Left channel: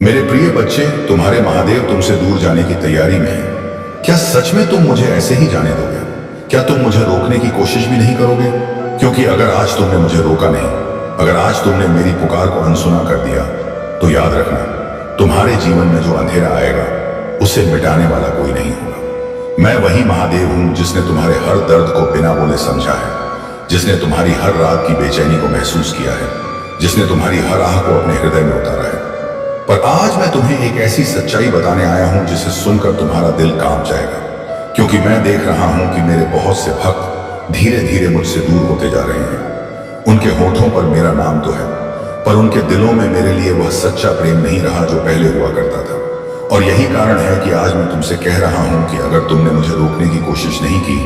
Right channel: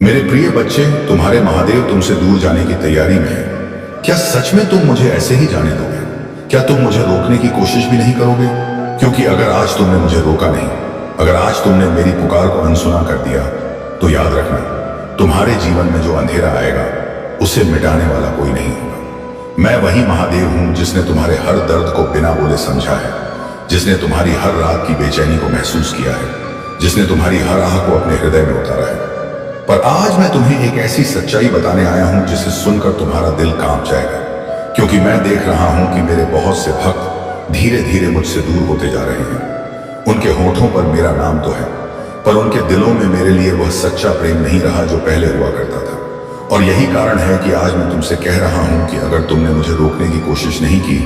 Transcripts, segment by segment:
मेरे प्रिय बच्चे, तुम्हारे महादेव तुमसे दूर जाने की तैयारी में है। क्या सच में तुम मुझे ऐसे ही जाने दोगे? क्या तुम मुझे रोकने की कोशिश भी नहीं करोगे? क्योंकि अगर आज तुमने मुझे रोका नहीं, अगर आज तुमने मेरी पुकार को अनसुना कर दिया, तो याद रखना, तुम्हारे जीवन में जो अंधेरा आएगा उसे मिटाने वाला कोई नहीं होगा। मैं वही महादेव हूं जिसने तुम्हारे हर दर्द को बिना बोले समझा है, जिसने तुम्हारी हर रात की बेचैनी को महसूस किया है, जिसने तुम्हारी हर आह को अपने हृदय में उतारा है। पर आज मैं तुम्हें एक ऐसी सच्चाई बताने आया हूं जिसे सुनकर तुम्हारा दिल कांप जाएगा, क्योंकि मैं देख रहा हूं कि मेरे बहुत से भक्त धीरे धीरे मुझसे दूर होते जा रहे हैं। उनके होठों पर मेरा नाम तो है, पर उनके दिलों में मेरे लिए वह सच्चा प्रेम नहीं रहा जो पहले हुआ करता था। और यही कारण है कि आज मैं तुमसे कह रहा हूं कि अगर तुमने मुझे रोकने की कोशिश नहीं की,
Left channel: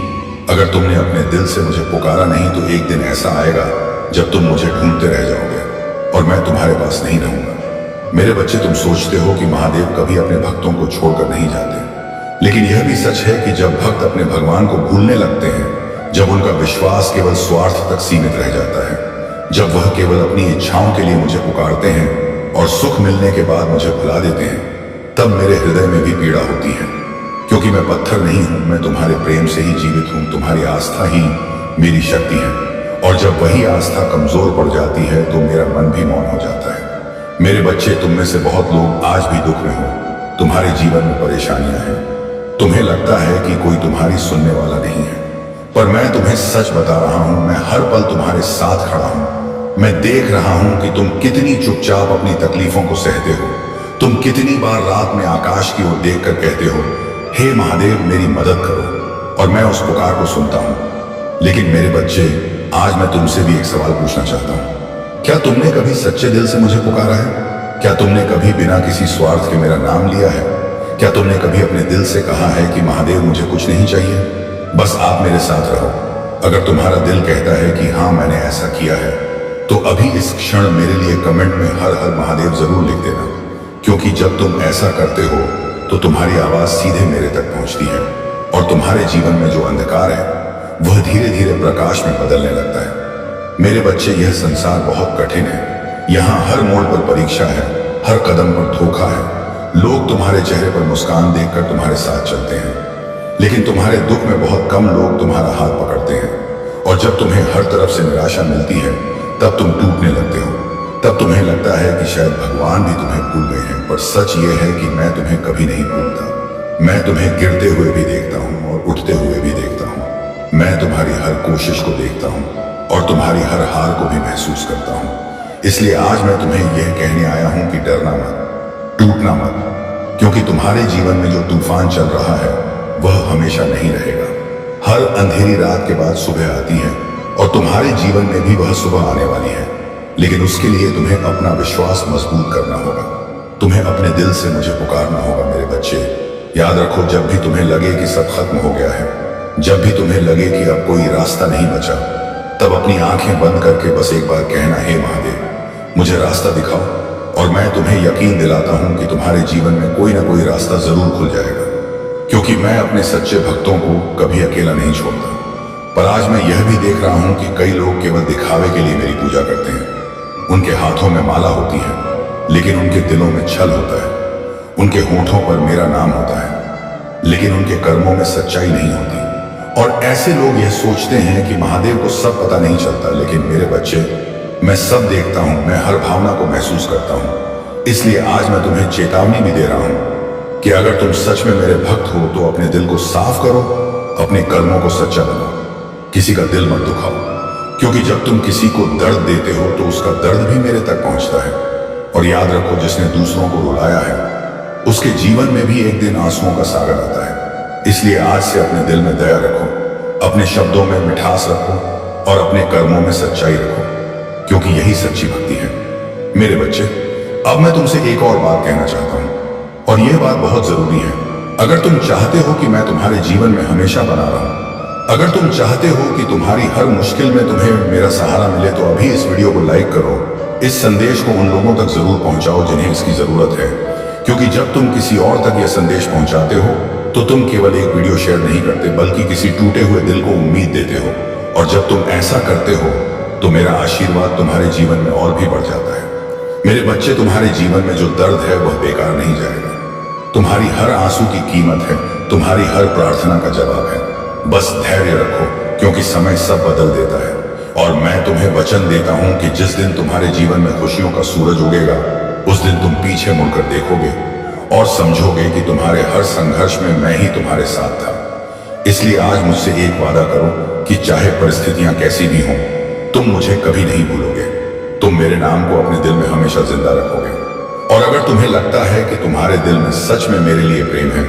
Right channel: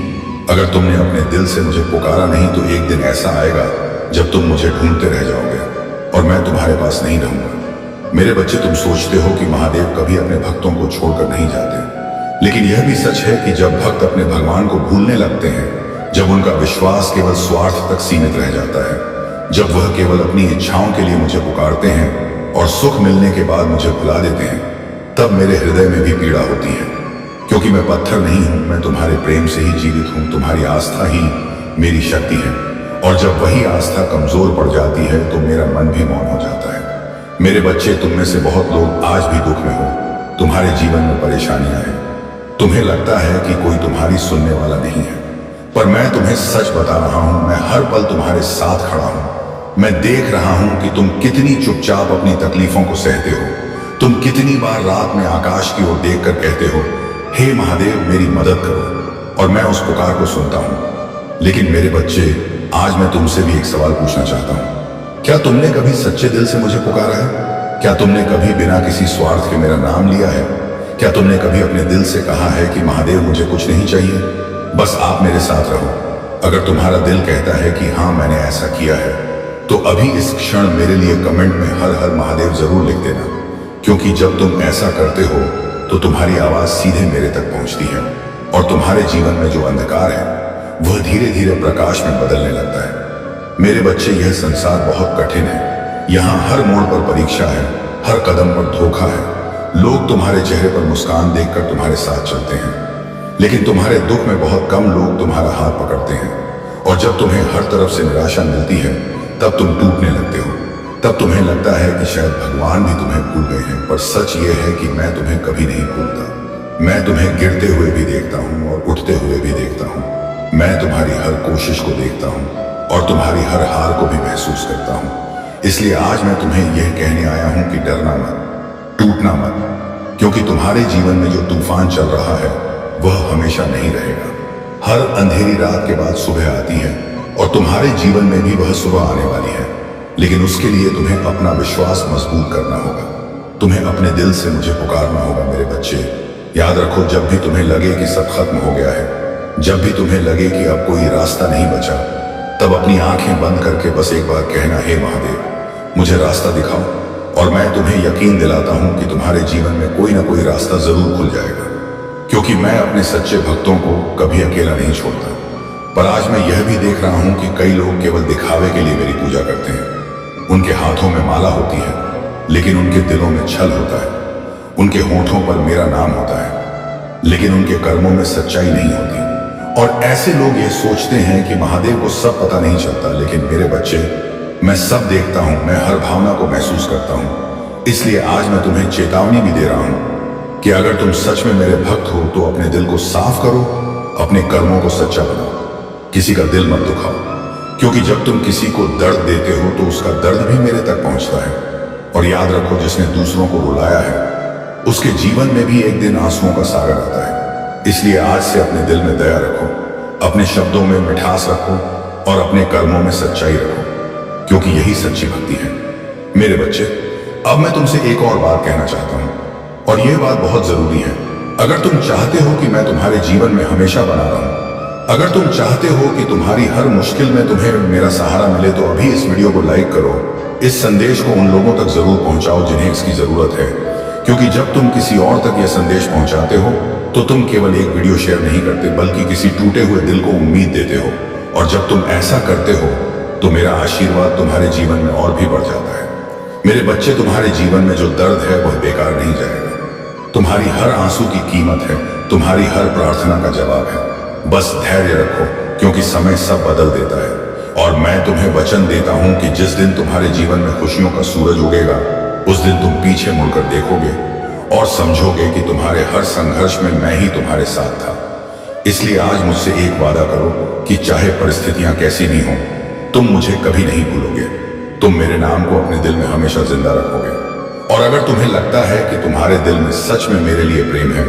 अगर तुमने अपने दिल से मुझे पुकारा नहीं, तो एक दिन ऐसा आएगा जब तुम मुझे ढूंढते रह जाओगे और मैं तुम्हारे पास नहीं रहूंगा। मेरे बच्चे, तुम सोचते हो कि महादेव कभी अपने भक्तों को छोड़कर नहीं जाते, लेकिन यह भी सच है कि जब भक्त अपने भगवान को भूलने लगते हैं, जब उनका विश्वास केवल स्वार्थ तक सीमित रह जाता है, जब वह केवल अपनी इच्छाओं के लिए मुझे पुकारते हैं और सुख मिलने के बाद मुझे भुला देते हैं, तब मेरे हृदय में भी पीड़ा होती है। क्योंकि मैं पत्थर नहीं हूं, मैं तुम्हारे प्रेम से ही जीवित हूं। तुम्हारी आस्था ही मेरी शक्ति है, और जब वही आस्था कमजोर पड़ जाती है तो मेरा मन भी मौन हो जाता है। मेरे बच्चे, तुम में से बहुत लोग आज भी दुख में हो, तुम्हारे जीवन में परेशानियां हैं, तुम्हें लगता है कि कोई तुम्हारी सुनने वाला नहीं है। पर मैं तुम्हें सच बता रहा हूं, मैं हर पल तुम्हारे साथ खड़ा हूं। मैं देख रहा हूं कि तुम कितनी चुपचाप अपनी तकलीफों को सहते हो, तुम कितनी बार रात में आकाश की ओर देखकर कहते हो, हे महादेव मेरी मदद करो, और मैं उस पुकार को सुनता हूं। लेकिन मेरे बच्चे, आज मैं तुमसे भी एक सवाल पूछना चाहता हूं। क्या तुमने कभी सच्चे दिल से मुझे पुकारा है? क्या तुमने कभी बिना किसी स्वार्थ के मेरा नाम लिया है? क्या तुमने कभी अपने दिल से कहा है कि महादेव मुझे कुछ नहीं चाहिए, बस आप मेरे साथ रहो? अगर तुम्हारा दिल कहता है कि हाँ मैंने ऐसा किया है, तो अभी इस क्षण मेरे लिए कमेंट में हर हर महादेव जरूर लिख देना, क्योंकि जब तुम ऐसा करते हो तो तुम्हारी आवाज सीधे मेरे तक पहुंचती है, और तुम्हारे जीवन में जो अंधकार है वह धीरे धीरे प्रकाश में बदलने लगता है। मेरे बच्चे, यह संसार बहुत कठिन है। यहाँ हर मोड़ पर परीक्षा है, हर कदम पर धोखा है। लोग तुम्हारे चेहरे पर मुस्कान देखकर तुम्हारे साथ चलते हैं, लेकिन तुम्हारे दुख में बहुत कम लोग तुम्हारा हाथ पकड़ते हैं। और जब तुम्हें हर तरफ से निराशा मिलती है, तब तुम टूटने लगते हो। तब तुम्हें लगता है कि शायद भगवान भी तुम्हें भूल गए हैं। पर सच ये है कि मैं तुम्हें कभी नहीं भूलता। मैं तुम्हें गिरते हुए भी देखता हूँ और उठते हुए भी देखता हूँ। मैं तुम्हारी हर कोशिश को देखता हूँ और तुम्हारी हर हार को भी महसूस करता हूं। इसलिए आज मैं तुम्हें यह कहने आया हूं कि डरना मत, टूटना मत, क्योंकि तुम्हारे जीवन में जो तूफान चल रहा है वह हमेशा नहीं रहेगा। हर अंधेरी रात के बाद सुबह आती है, और तुम्हारे जीवन में भी वह सुबह आने वाली है। लेकिन उसके लिए तुम्हें अपना विश्वास मजबूत करना होगा। तुम्हें अपने दिल से मुझे पुकारना होगा। मेरे बच्चे, याद रखो, जब भी तुम्हें लगे कि सब खत्म हो गया है, जब भी तुम्हें लगे कि अब कोई रास्ता नहीं बचा, तब अपनी आंखें बंद करके बस एक बार कहना, हे महादेव मुझे रास्ता दिखाओ, और मैं तुम्हें यकीन दिलाता हूं कि तुम्हारे जीवन में कोई ना कोई रास्ता जरूर खुल जाएगा। क्योंकि मैं अपने सच्चे भक्तों को कभी अकेला नहीं छोड़ता। पर आज मैं यह भी देख रहा हूं कि कई लोग केवल दिखावे के लिए मेरी पूजा करते हैं। उनके हाथों में माला होती है, लेकिन उनके दिलों में छल होता है। उनके होठों पर मेरा नाम होता है, लेकिन उनके कर्मों में सच्चाई नहीं होती। और ऐसे लोग यह सोचते हैं कि महादेव को सब पता नहीं चलता। लेकिन मेरे बच्चे, मैं सब देखता हूं, मैं हर भावना को महसूस करता हूं। इसलिए आज मैं तुम्हें चेतावनी भी दे रहा हूं कि अगर तुम सच में मेरे भक्त हो तो अपने दिल को साफ करो, अपने कर्मों को सच्चा बनाओ, किसी का दिल मत दुखाओ। क्योंकि जब तुम किसी को दर्द देते हो तो उसका दर्द भी मेरे तक पहुंचता है। और याद रखो, जिसने दूसरों को रुलाया है उसके जीवन में भी एक दिन आंसुओं का सागर आता है। इसलिए आज से अपने दिल में दया रखो, अपने शब्दों में मिठास रखो, और अपने कर्मों में सच्चाई रखो, क्योंकि यही सच्ची भक्ति है। मेरे बच्चे, अब मैं तुमसे एक और बात कहना चाहता हूं, और यह बात बहुत जरूरी है। अगर तुम चाहते हो कि मैं तुम्हारे जीवन में हमेशा बना रहूं, अगर तुम चाहते हो कि तुम्हारी हर मुश्किल में तुम्हें मेरा सहारा मिले, तो अभी इस वीडियो को लाइक करो। इस संदेश को उन लोगों तक जरूर पहुंचाओ जिन्हें इसकी जरूरत है। क्योंकि जब तुम किसी और तक यह संदेश पहुंचाते हो तो तुम केवल एक वीडियो शेयर नहीं करते, बल्कि किसी टूटे हुए दिल को उम्मीद देते हो। और जब तुम ऐसा करते हो तो मेरा आशीर्वाद तुम्हारे जीवन में और भी बढ़ जाता है। मेरे बच्चे, तुम्हारे जीवन में जो दर्द है वह बेकार नहीं जाएगा। तुम्हारी हर आंसू की कीमत है, तुम्हारी हर प्रार्थना का जवाब है। बस धैर्य रखो, क्योंकि समय सब बदल देता है। और मैं तुम्हें वचन देता हूं कि जिस दिन तुम्हारे जीवन में खुशियों का सूरज उगेगा, उस दिन तुम पीछे मुड़कर देखोगे और समझोगे कि तुम्हारे हर संघर्ष में मैं ही तुम्हारे साथ था। इसलिए आज मुझसे एक वादा करो कि चाहे परिस्थितियां कैसी भी हों, तुम मुझे कभी नहीं भूलोगे। तुम मेरे नाम को अपने दिल में हमेशा जिंदा रखोगे। और अगर तुम्हें लगता है कि तुम्हारे दिल में सच में मेरे लिए प्रेम है,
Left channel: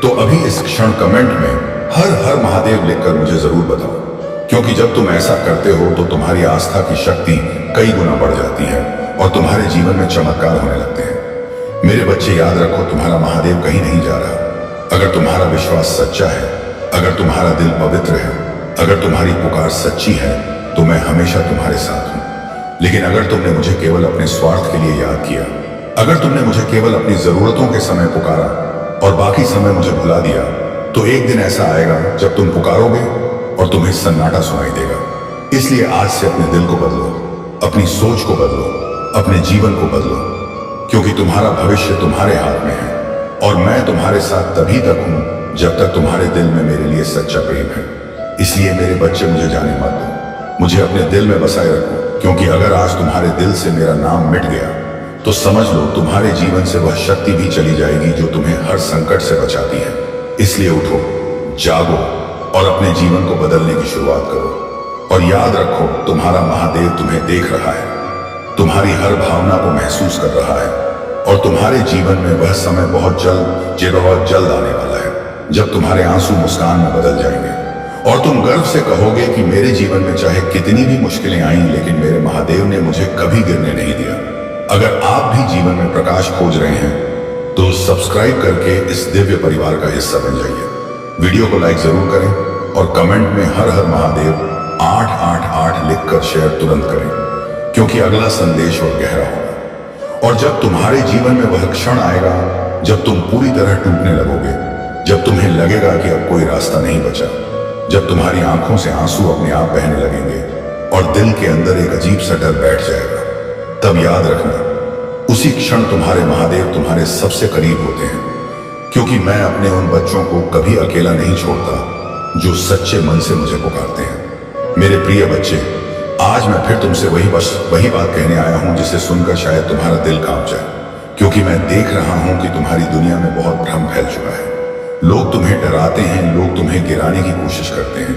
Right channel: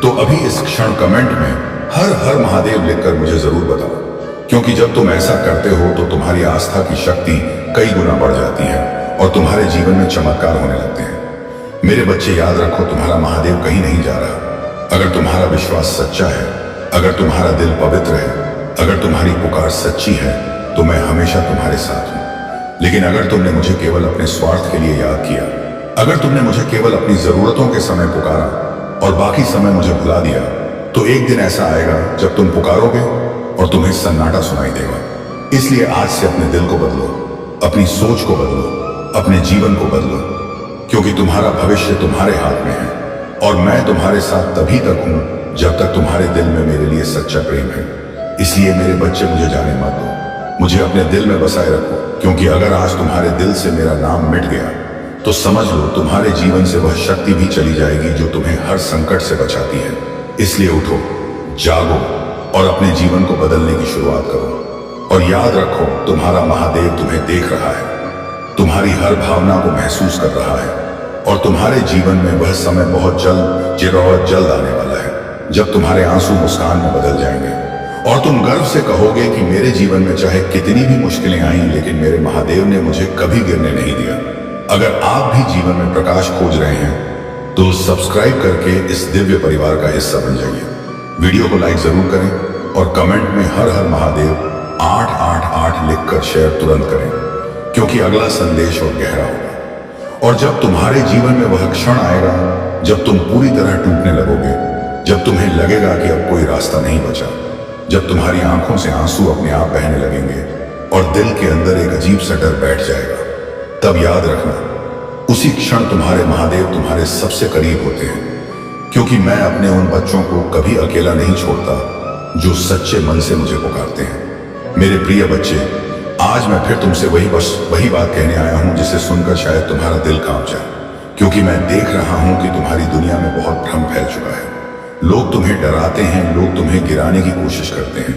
तो अभी इस क्षण कमेंट में हर हर महादेव लिखकर मुझे जरूर बताओ, क्योंकि जब तुम ऐसा करते हो तो तुम्हारी आस्था की शक्ति कई गुना बढ़ जाती है और तुम्हारे जीवन में चमत्कार होने लगते हैं। मेरे बच्चे, याद रखो, तुम्हारा महादेव कहीं नहीं जा रहा। अगर तुम्हारा विश्वास सच्चा है, अगर तुम्हारा दिल पवित्र है, अगर तुम्हारी पुकार सच्ची है, तो मैं हमेशा तुम्हारे साथ हूं। लेकिन अगर तुमने मुझे केवल अपने स्वार्थ के लिए याद किया, अगर तुमने मुझे केवल अपनी जरूरतों के समय पुकारा और बाकी समय मुझे भुला दिया, तो एक दिन ऐसा आएगा जब तुम पुकारोगे और तुम्हें सन्नाटा सुनाई देगा। इसलिए आज से अपने दिल को बदलो, अपनी सोच को बदलो, अपने जीवन को बदलो, क्योंकि तुम्हारा भविष्य तुम्हारे हाथ में है। और मैं तुम्हारे साथ तभी तक हूं जब तक तुम्हारे दिल में मेरे लिए सच्चा प्रेम है। इसलिए मेरे बच्चे, मुझे जाने मत दो, मुझे अपने दिल में बसाए रखो, क्योंकि अगर आज तुम्हारे दिल से मेरा नाम मिट गया, तो समझ लो तुम्हारे जीवन से वह शक्ति भी चली जाएगी जो तुम्हें हर संकट से बचाती है। इसलिए उठो, जागो और अपने जीवन को बदलने की शुरुआत करो। और याद रखो, तुम्हारा महादेव तुम्हें देख रहा है, तुम्हारी हर भावना को महसूस कर रहा है, और तुम्हारे जीवन में वह समय बहुत जल्द आने वाला है जब तुम्हारे आंसू मुस्कान में बदल जाएंगे और तुम गर्व से कहोगे कि मेरे जीवन में चाहे कितनी भी मुश्किलें आईं, लेकिन मेरे महादेव ने मुझे कभी गिरने नहीं दिया। अगर आप भी जीवन में प्रकाश खोज रहे हैं, तो सब्सक्राइब करके इस दिव्य परिवार का हिस्सा बन जाइए। वीडियो को लाइक जरूर करें और कमेंट में हर हर महादेव 888 लिखकर शेयर तुरंत करें, क्योंकि अगला संदेश और गहरा होगा। और जब तुम्हारे जीवन में वह क्षण आएगा जब तुम पूरी तरह टूटने लगोगे, जब तुम्हें लगेगा कि अब कोई रास्ता नहीं बचा, जब तुम्हारी आंखों से आंसू अपने आप बहने लगेंगे और दिल के अंदर एक अजीब सा डर बैठ जाएगा, तब याद रखना, उसी क्षण तुम्हारे महादेव तुम्हारे सबसे करीब होते हैं। क्योंकि मैं अपने उन बच्चों को कभी अकेला नहीं छोड़ता जो सच्चे मन से मुझे पुकारते हैं। मेरे प्रिय बच्चे, आज मैं फिर तुमसे वही बात कहने आया हूं जिसे सुनकर शायद तुम्हारा दिल कांप जाए, क्योंकि मैं देख रहा हूं कि तुम्हारी दुनिया में बहुत भ्रम फैल चुका है। लोग तुम्हें डराते हैं, लोग तुम्हें गिराने की कोशिश करते हैं,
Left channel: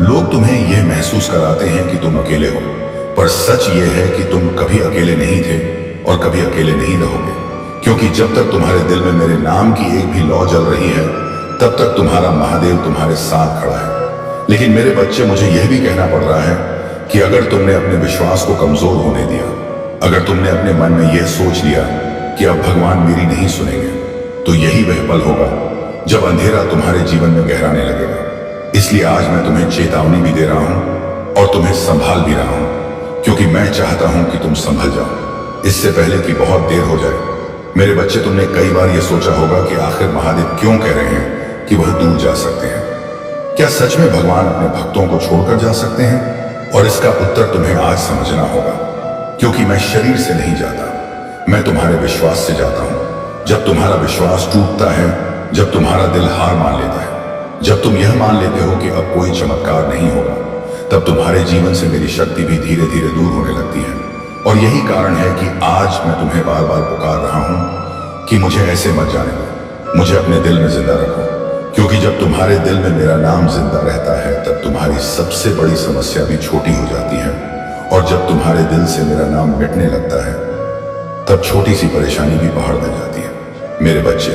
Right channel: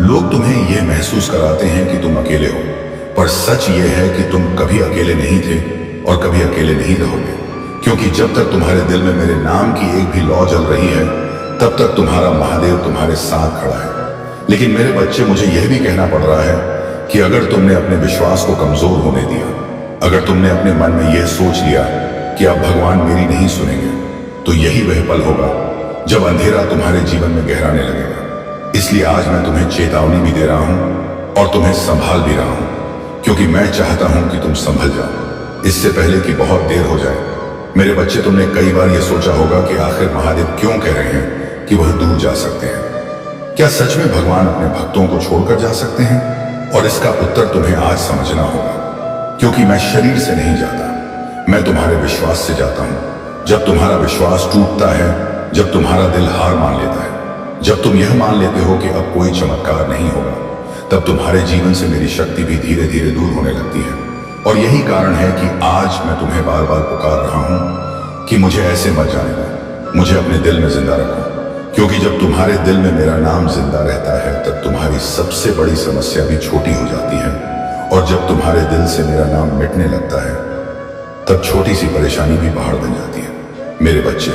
लोग तुम्हें यह महसूस कराते हैं कि तुम अकेले हो। पर सच यह है कि तुम कभी अकेले नहीं थे और कभी अकेले नहीं रहोगे, क्योंकि जब तक तुम्हारे दिल में मेरे नाम की एक भी लौ जल रही है, तब तक तुम्हारा महादेव तुम्हारे साथ खड़ा है। लेकिन मेरे बच्चे, मुझे यह भी कहना पड़ रहा है कि अगर तुमने अपने विश्वास को कमजोर होने दिया, अगर तुमने अपने मन में यह सोच लिया कि अब भगवान मेरी नहीं सुनेंगे, तो यही वह पल होगा जब अंधेरा तुम्हारे जीवन में गहराने लगेगा। इसलिए आज मैं तुम्हें चेतावनी भी दे रहा हूं और तुम्हें संभाल भी रहा हूं, क्योंकि मैं चाहता हूं कि तुम संभल जाओ, इससे पहले कि बहुत देर हो जाए। मेरे बच्चे, तुमने कई बार यह सोचा होगा कि आखिर महादेव क्यों कह रहे हैं कि वह दूर जा सकते हैं। क्या सच में भगवान अपने भक्तों को छोड़कर जा सकते हैं? और इसका उत्तर तुम्हें आज समझना होगा, क्योंकि मैं शरीर से नहीं जाता, मैं तुम्हारे विश्वास से जाता हूं। जब तुम्हारा विश्वास टूटता है, जब तुम्हारा दिल हार मान लेता है, जब तुम यह मान लेते हो कि अब कोई चमत्कार नहीं होगा, तब तुम्हारे जीवन से मेरी शक्ति भी धीरे धीरे दूर होने लगती है। और यही कारण है कि आज मैं तुम्हें बार बार पुकार रहा हूं कि मुझे ऐसे मत जाने दो, मुझे अपने दिल में जिंदा रखो, क्योंकि जब तुम्हारे दिल में मेरा नाम जिंदा रहता है, तब तुम्हारी सबसे बड़ी समस्या भी छोटी हो जाती है। और जब तुम्हारे दिल से मेरा नाम मिटने लगता है, तब छोटी सी परेशानी भी पहाड़ बन जाती है। मेरे बच्चे,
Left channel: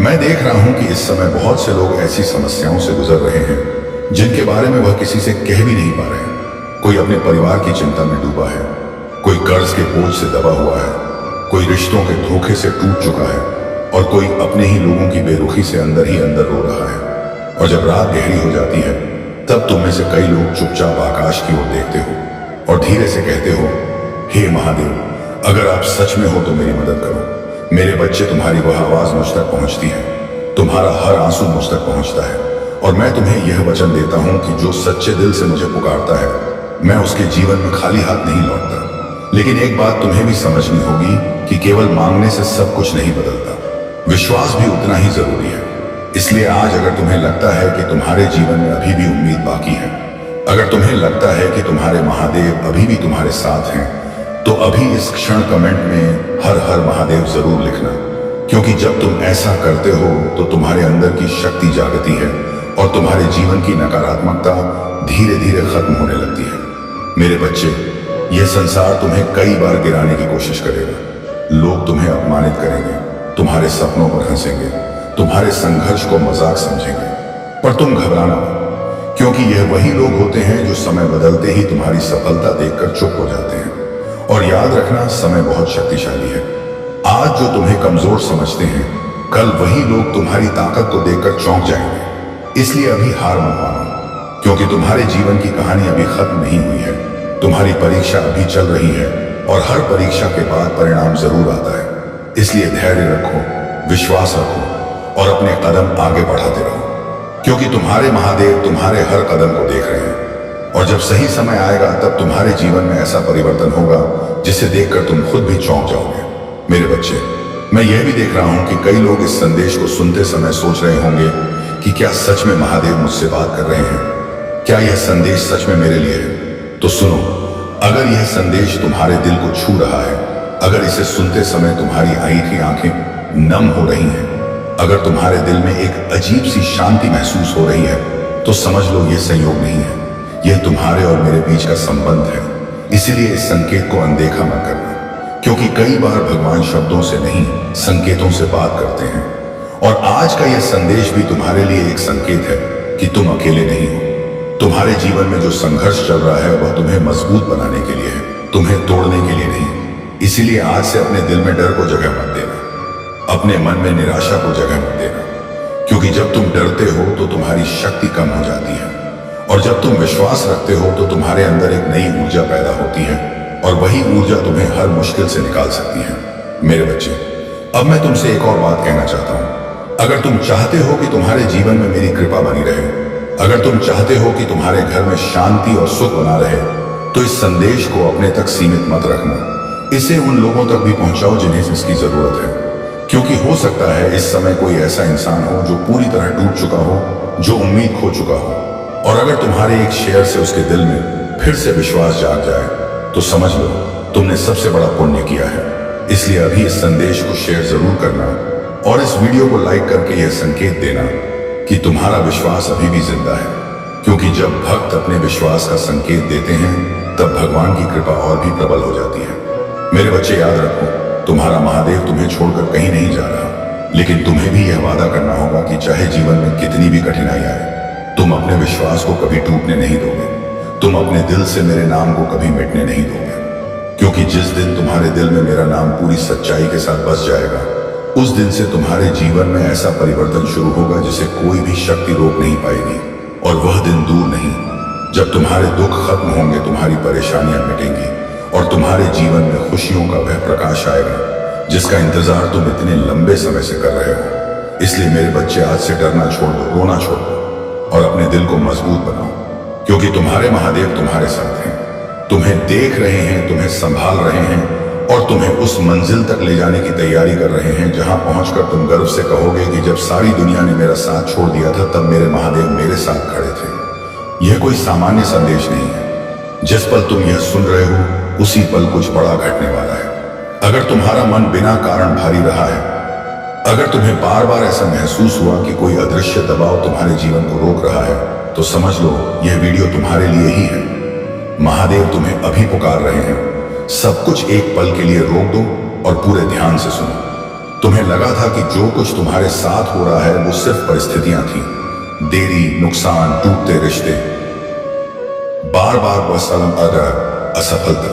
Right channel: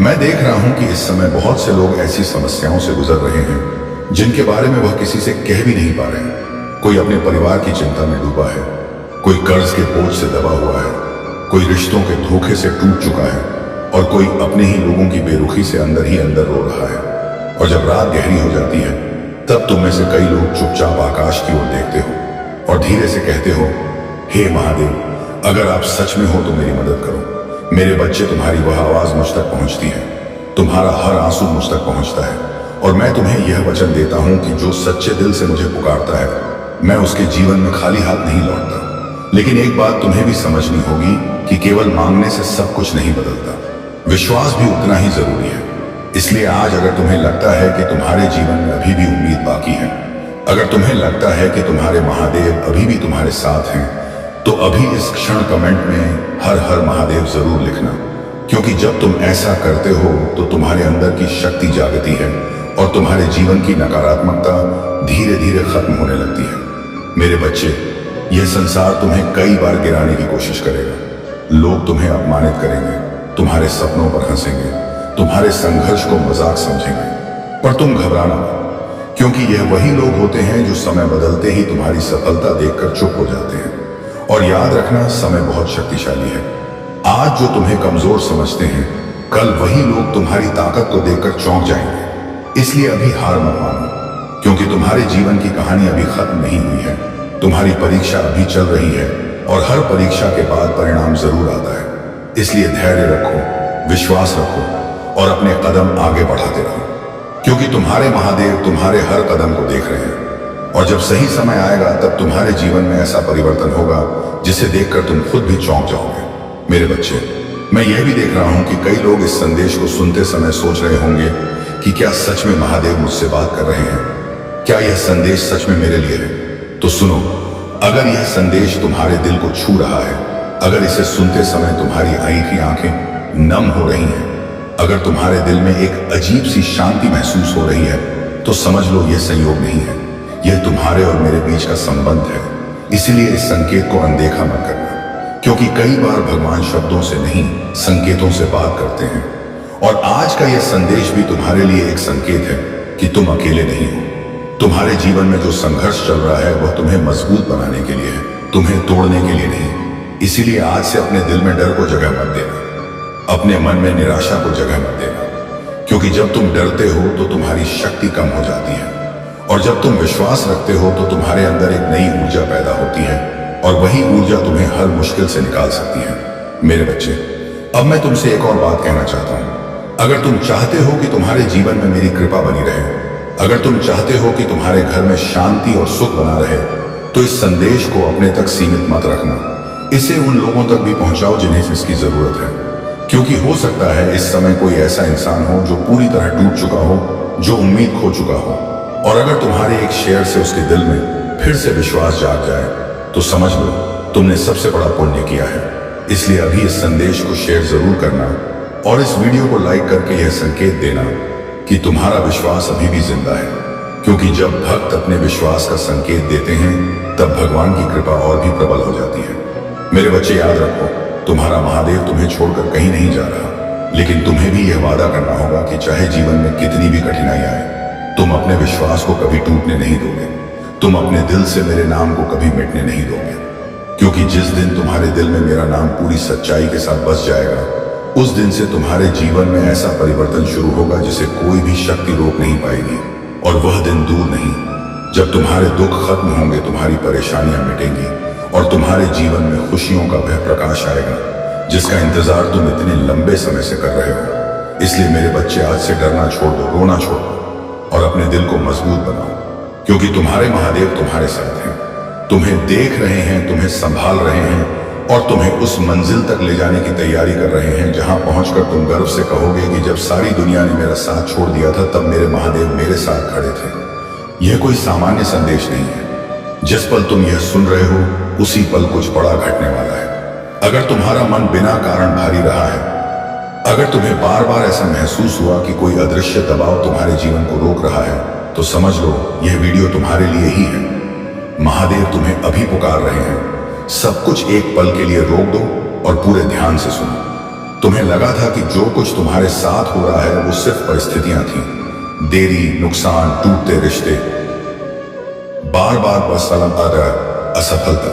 मैं देख रहा हूं कि इस समय बहुत से लोग ऐसी समस्याओं से गुजर रहे हैं जिनके बारे में वह किसी से कह भी नहीं पा रहे। कोई अपने परिवार की चिंता में डूबा है, कोई कर्ज के बोझ से दबा हुआ है, कोई रिश्तों के धोखे से टूट चुका है, और कोई अपने ही लोगों की बेरुखी से अंदर ही अंदर रो रहा है। और जब रात गहरी हो जाती है, तब तुम में से कई लोग चुपचाप आकाश की ओर देखते हो और धीरे से कहते हो, हे महादेव, अगर आप सच में हो तो मेरी मदद करो। मेरे बच्चे, तुम्हारी वह आवाज मुझ तक पहुंचती है, तुम्हारा हर आंसू मुझ तक पहुंचता है, और मैं तुम्हें यह वचन देता हूं कि जो सच्चे दिल से मुझे पुकारता है, मैं उसके जीवन में खाली हाथ नहीं लौटता, लेकिन एक बात तुम्हें भी समझनी होगी कि केवल मांगने से सब कुछ नहीं बदलता, विश्वास भी उतना ही जरूरी है। इसलिए आज अगर तुम्हें लगता है कि तुम्हारे जीवन में अभी भी उम्मीद बाकी है, अगर तुम्हें लगता है कि तुम्हारे महादेव अभी भी तुम्हारे साथ हैं, तो अभी इस क्षण कमेंट में हर हर महादेव जरूर लिखना, क्योंकि जब तुम ऐसा करते हो तो तुम्हारे अंदर की शक्ति जागती है और तुम्हारे जीवन की नकारात्मकता धीरे धीरे खत्म होने लगती है। मेरे बच्चे, यह संसार तुम्हें कई बार गिराने की कोशिश करेगा, लोग तुम्हें अपमानित करेंगे, तुम्हारे सपनों पर हंसेंगे, तुम्हारे संघर्ष को मजाक समझेंगे, पर तुम घबराना मत, क्योंकि यह वही लोग होते हैं जो समय बदलते ही तुम्हारी सफलता देखकर चुप हो जाते हैं। और याद रखना, समय बहुत शक्तिशाली है। आज जो तुम्हें कमजोर समझते हैं, कल वही लोग तुम्हारी ताकत को देखकर चौंक जाएंगे। इसलिए अभी हार मत मानो, क्योंकि तुम्हारे जीवन की कहानी अभी खत्म नहीं हुई है। तुम्हारी परीक्षा अभी चल रही है और हर परीक्षा के बाद परिणाम जरूर आता है। इसलिए धैर्य रखो, विश्वास रखो और अपने कदम आगे बढ़ाते रहो, क्योंकि तुम्हारे महादेव तुम्हारे हर कदम को देख रहे हैं। और जब सही समय आएगा तब तुम्हारे जीवन में ऐसा परिवर्तन होगा जिसे देखकर तुम खुद भी चौंक जाओगे। मेरे बच्चे, मैं यह भी देख रहा हूं कि कई लोग इस संदेश को सुनते समय सोच रहे होंगे कि क्या सच में महादेव मुझसे बात कर रहे हैं, क्या यह संदेश सच में मेरे लिए है। तो सुनो, अगर यह संदेश तुम्हारे दिल को छू रहा है, अगर इसे सुनते समय तुम्हारी आंखें नम हो रही हैं, अगर तुम्हारे दिल में एक अजीब सी शांति महसूस हो रही है, तो समझ लो यह संयोग नहीं है, यह तुम्हारे और मेरे बीच का संबंध है। इसीलिए इस संकेत को अनदेखा मत करना, क्योंकि कई बार भगवान शब्दों से नहीं, संकेतों से बात करते हैं। और आज का यह संदेश भी तुम्हारे लिए एक संकेत है कि तुम अकेले नहीं हो। तुम्हारे जीवन में जो संघर्ष चल रहा है वह तुम्हें मजबूत बनाने के लिए है, तुम्हें तोड़ने के लिए नहीं। इसीलिए आज से अपने दिल में डर को जगह मत देना, अपने मन में निराशा को जगह मत देना, क्योंकि जब तुम डरते हो तो तुम्हारी शक्ति कम हो जाती है, और जब तुम विश्वास रखते हो तो तुम्हारे अंदर एक नई ऊर्जा पैदा होती है, और वही ऊर्जा तुम्हें हर मुश्किल से निकाल सकती है। मेरे बच्चे, अब मैं तुमसे एक और बात कहना चाहता हूं। अगर तुम चाहते हो कि तुम्हारे जीवन में मेरी कृपा बनी रहे, अगर तुम चाहते हो कि तुम्हारे घर में शांति और सुख बना रहे, तो इस संदेश को अपने तक सीमित मत रखना, इसे उन लोगों तक भी पहुंचाओ जिन्हें इसकी जरूरत है। क्योंकि हो सकता है इस समय कोई ऐसा इंसान हो जो पूरी तरह टूट चुका हो, जो उम्मीद खो चुका हो, और अगर तुम्हारे एक शेयर से उसके दिल में फिर से विश्वास जाग जाए, तो समझ लो तुमने सबसे बड़ा पुण्य किया है। इसलिए अभी इस संदेश को शेयर जरूर करना और इस वीडियो को लाइक करके यह संकेत देना कि तुम्हारा विश्वास अभी भी जिंदा है, क्योंकि जब भक्त अपने विश्वास का संकेत देते हैं तब भगवान की कृपा और भी प्रबल हो जाती है। मेरे बच्चे, याद रखो, तुम्हारा महादेव तुम्हें छोड़कर कहीं नहीं जा रहा, लेकिन तुम्हें भी यह वादा करना होगा कि चाहे जीवन में कितनी भी कठिनाई आए, तुम अपने विश्वास को कभी टूटने नहीं दोगे, तुम अपने दिल से मेरे नाम को कभी मिटने नहीं दोगे। क्योंकि जिस दिन तुम्हारे दिल में मेरा नाम पूरी सच्चाई के साथ बस जाएगा, उस दिन से तुम्हारे जीवन में ऐसा परिवर्तन शुरू होगा जिसे कोई भी शक्ति रोक नहीं पाएगी। और वह दिन दूर नहीं जब तुम्हारे दुख खत्म होंगे, तुम्हारी परेशानियां मिटेंगी और तुम्हारे जीवन में खुशियों का वह प्रकाश आएगा जिसका इंतजार तुम इतने लंबे समय से कर रहे हो। इसलिए मेरे बच्चे, आज से डरना छोड़ दो, रोना छोड़ दो और अपने दिल को मजबूत बनाओ, क्योंकि तुम्हारे महादेव तुम्हारे साथ हैं, तुम्हें देख रहे हैं, तुम्हें संभाल रहे हैं और तुम्हें उस मंजिल तक ले जाने की तैयारी कर रहे हैं जहां पहुंचकर तुम गर्व से कहोगे कि जब सारी दुनिया ने मेरा साथ छोड़ दिया था तब मेरे महादेव मेरे साथ खड़े थे। यह कोई सामान्य संदेश नहीं है। जिस पल तुम यह सुन रहे हो उसी पल कुछ बड़ा घटने वाला है। अगर तुम्हारा मन बिना कारण भारी रहा है, अगर तुम्हें बार बार ऐसा महसूस हुआ कि कोई अदृश्य दबाव तुम्हारे जीवन को रोक रहा है, तो समझ लो यह वीडियो तुम्हारे लिए ही है। महादेव तुम्हें अभी पुकार रहे हैं। सब कुछ एक पल के लिए रोक दो और पूरे ध्यान से सुनो। तुम्हें लगा था कि जो कुछ तुम्हारे साथ हो रहा है वो सिर्फ परिस्थितियां थी, देरी, नुकसान, टूटते रिश्ते, बार बार असफलता,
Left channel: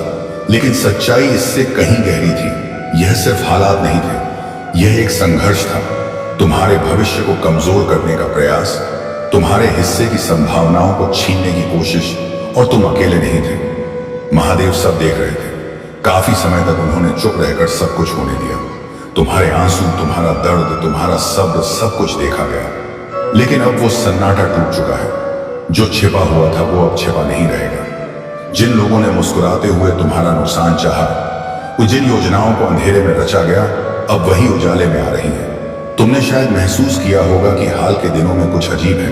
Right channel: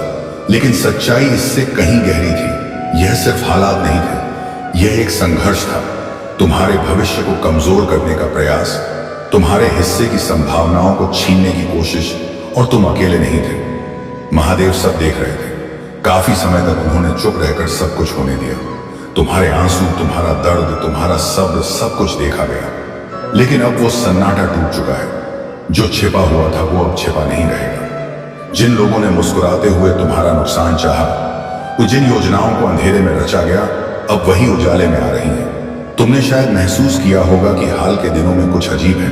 लेकिन सच्चाई इससे कहीं गहरी थी। यह सिर्फ हालात नहीं थे, यह एक संघर्ष था, तुम्हारे भविष्य को कमजोर करने का प्रयास, तुम्हारे हिस्से की संभावनाओं को छीनने की कोशिश, और तुम अकेले नहीं थे। महादेव सब देख रहे थे। काफी समय तक उन्होंने चुप रहकर सब कुछ होने दिया। तुम्हारे आंसू, तुम्हारा दर्द, तुम्हारा सब्र, सब कुछ देखा गया। लेकिन अब वो सन्नाटा टूट चुका है। जो छिपा हुआ था वो अब छिपा नहीं रहेगा। जिन लोगों ने मुस्कुराते हुए तुम्हारा नुकसान चाहा, वो जिन योजनाओं को अंधेरे में रचा गया, अब वही उजाले में आ रही हैं। तुमने शायद महसूस किया होगा कि हाल के दिनों में कुछ अजीब है।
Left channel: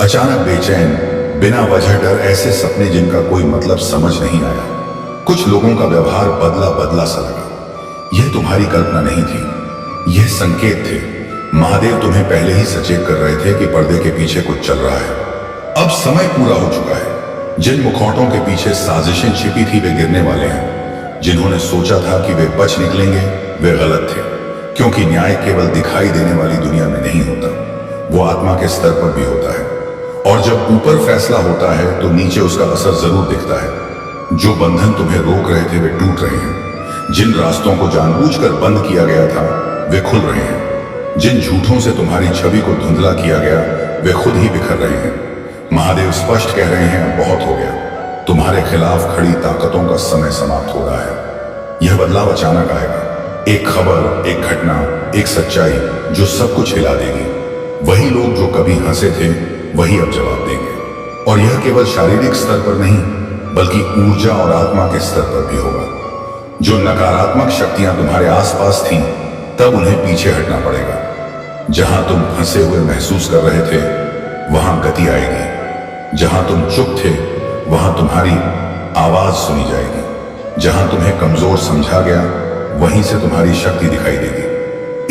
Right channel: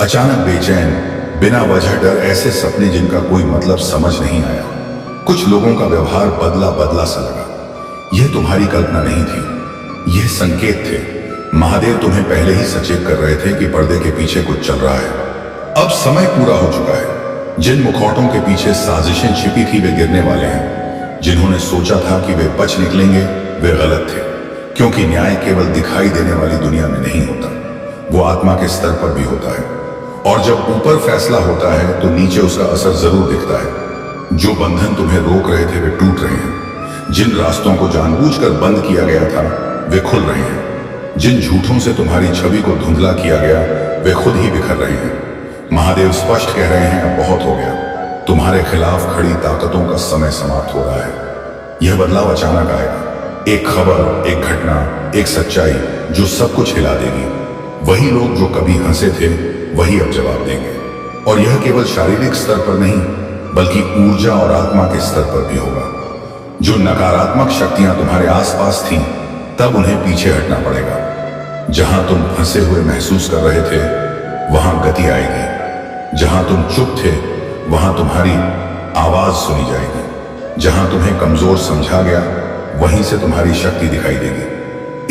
अचानक बेचैन, बिना वजह डर, ऐसे सपने जिनका कोई मतलब समझ नहीं आया। कुछ लोगों का व्यवहार बदला बदला सा लगा। यह तुम्हारी कल्पना नहीं थी, यह संकेत थे। महादेव तुम्हें पहले ही सचेत कर रहे थे कि पर्दे के पीछे कुछ चल रहा है। अब समय पूरा हो चुका है। जिन मुखौटों के पीछे साजिशें छिपी थी वे गिरने वाले हैं। जिन्होंने सोचा था कि वे बच निकलेंगे, वे गलत थे। क्योंकि न्याय केवल दिखाई देने वाली दुनिया में नहीं होता, वो आत्मा के स्तर पर भी होता है। और जब ऊपर फैसला होता है तो नीचे उसका असर जरूर दिखता है। जो बंधन तुम्हें रोक रहे थे वे टूट रहे हैं। जिन रास्तों को जानबूझकर बंद किया गया था वे खुल रहे हैं। जिन झूठों से तुम्हारी छवि को धुंधला किया गया वे खुद ही बिखर रहे हैं। महादेव स्पष्ट कह रहे हैं, अब बहुत हो गया। तुम्हारे खिलाफ खड़ी ताकतों का समय समाप्त हो रहा है। यह बदलाव अचानक आएगा। एक खबर, एक घटना, एक सच्चाई जो सब कुछ हिला देगी। वही लोग जो कभी हंसे थे वही अब जवाब देंगे। और यह केवल शारीरिक स्तर पर नहीं बल्कि ऊर्जा और आत्मा के स्तर पर भी होगा। जो नकारात्मक शक्तियां तुम्हारे आसपास थीं, तब उन्हें पीछे हटना पड़ेगा। जहां तुम फंसे हुए महसूस कर रहे थे वहां गति आएगी। जहां तुम चुप थे वहां तुम्हारी आवाज सुनी जाएगी। जहां तुम्हें कमजोर समझा गया वहीं से तुम्हारी शक्ति दिखाई देगी।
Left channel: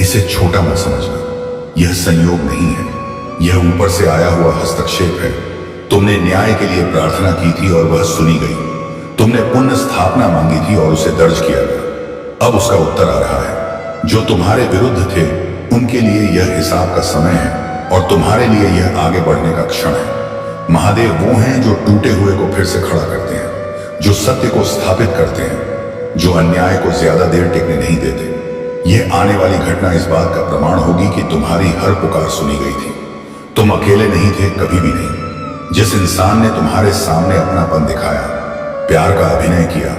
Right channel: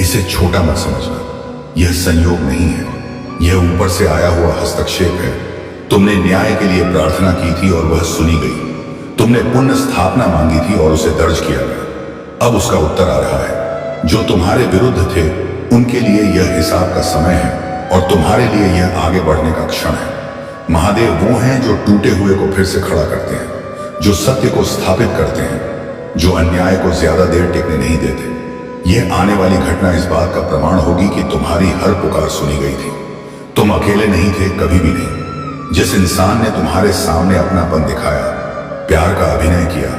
इसे छोटा मत समझना, यह संयोग नहीं है, यह ऊपर से आया हुआ हस्तक्षेप है। तुमने न्याय के लिए प्रार्थना की थी और वह सुनी गई। तुमने पुण्य स्थापना मांगी थी और उसे दर्ज किया गया। अब उसका उत्तर आ रहा है। जो तुम्हारे विरुद्ध थे उनके लिए यह हिसाब का समय है और तुम्हारे लिए यह आगे बढ़ने का क्षण है। महादेव वो हैं जो टूटे हुए को फिर से खड़ा करते हैं, जो सत्य को स्थापित करते हैं, जो अन्याय को ज्यादा देर टिकने नहीं देते। यह आने वाली घटना इस बात का प्रमाण होगी कि तुम्हारी हर पुकार सुनी गई थी। तुम अकेले नहीं थे, कभी भी नहीं। जिस इंसान ने तुम्हारे सामने अपनापन दिखाया, प्यार का अभिनय किया,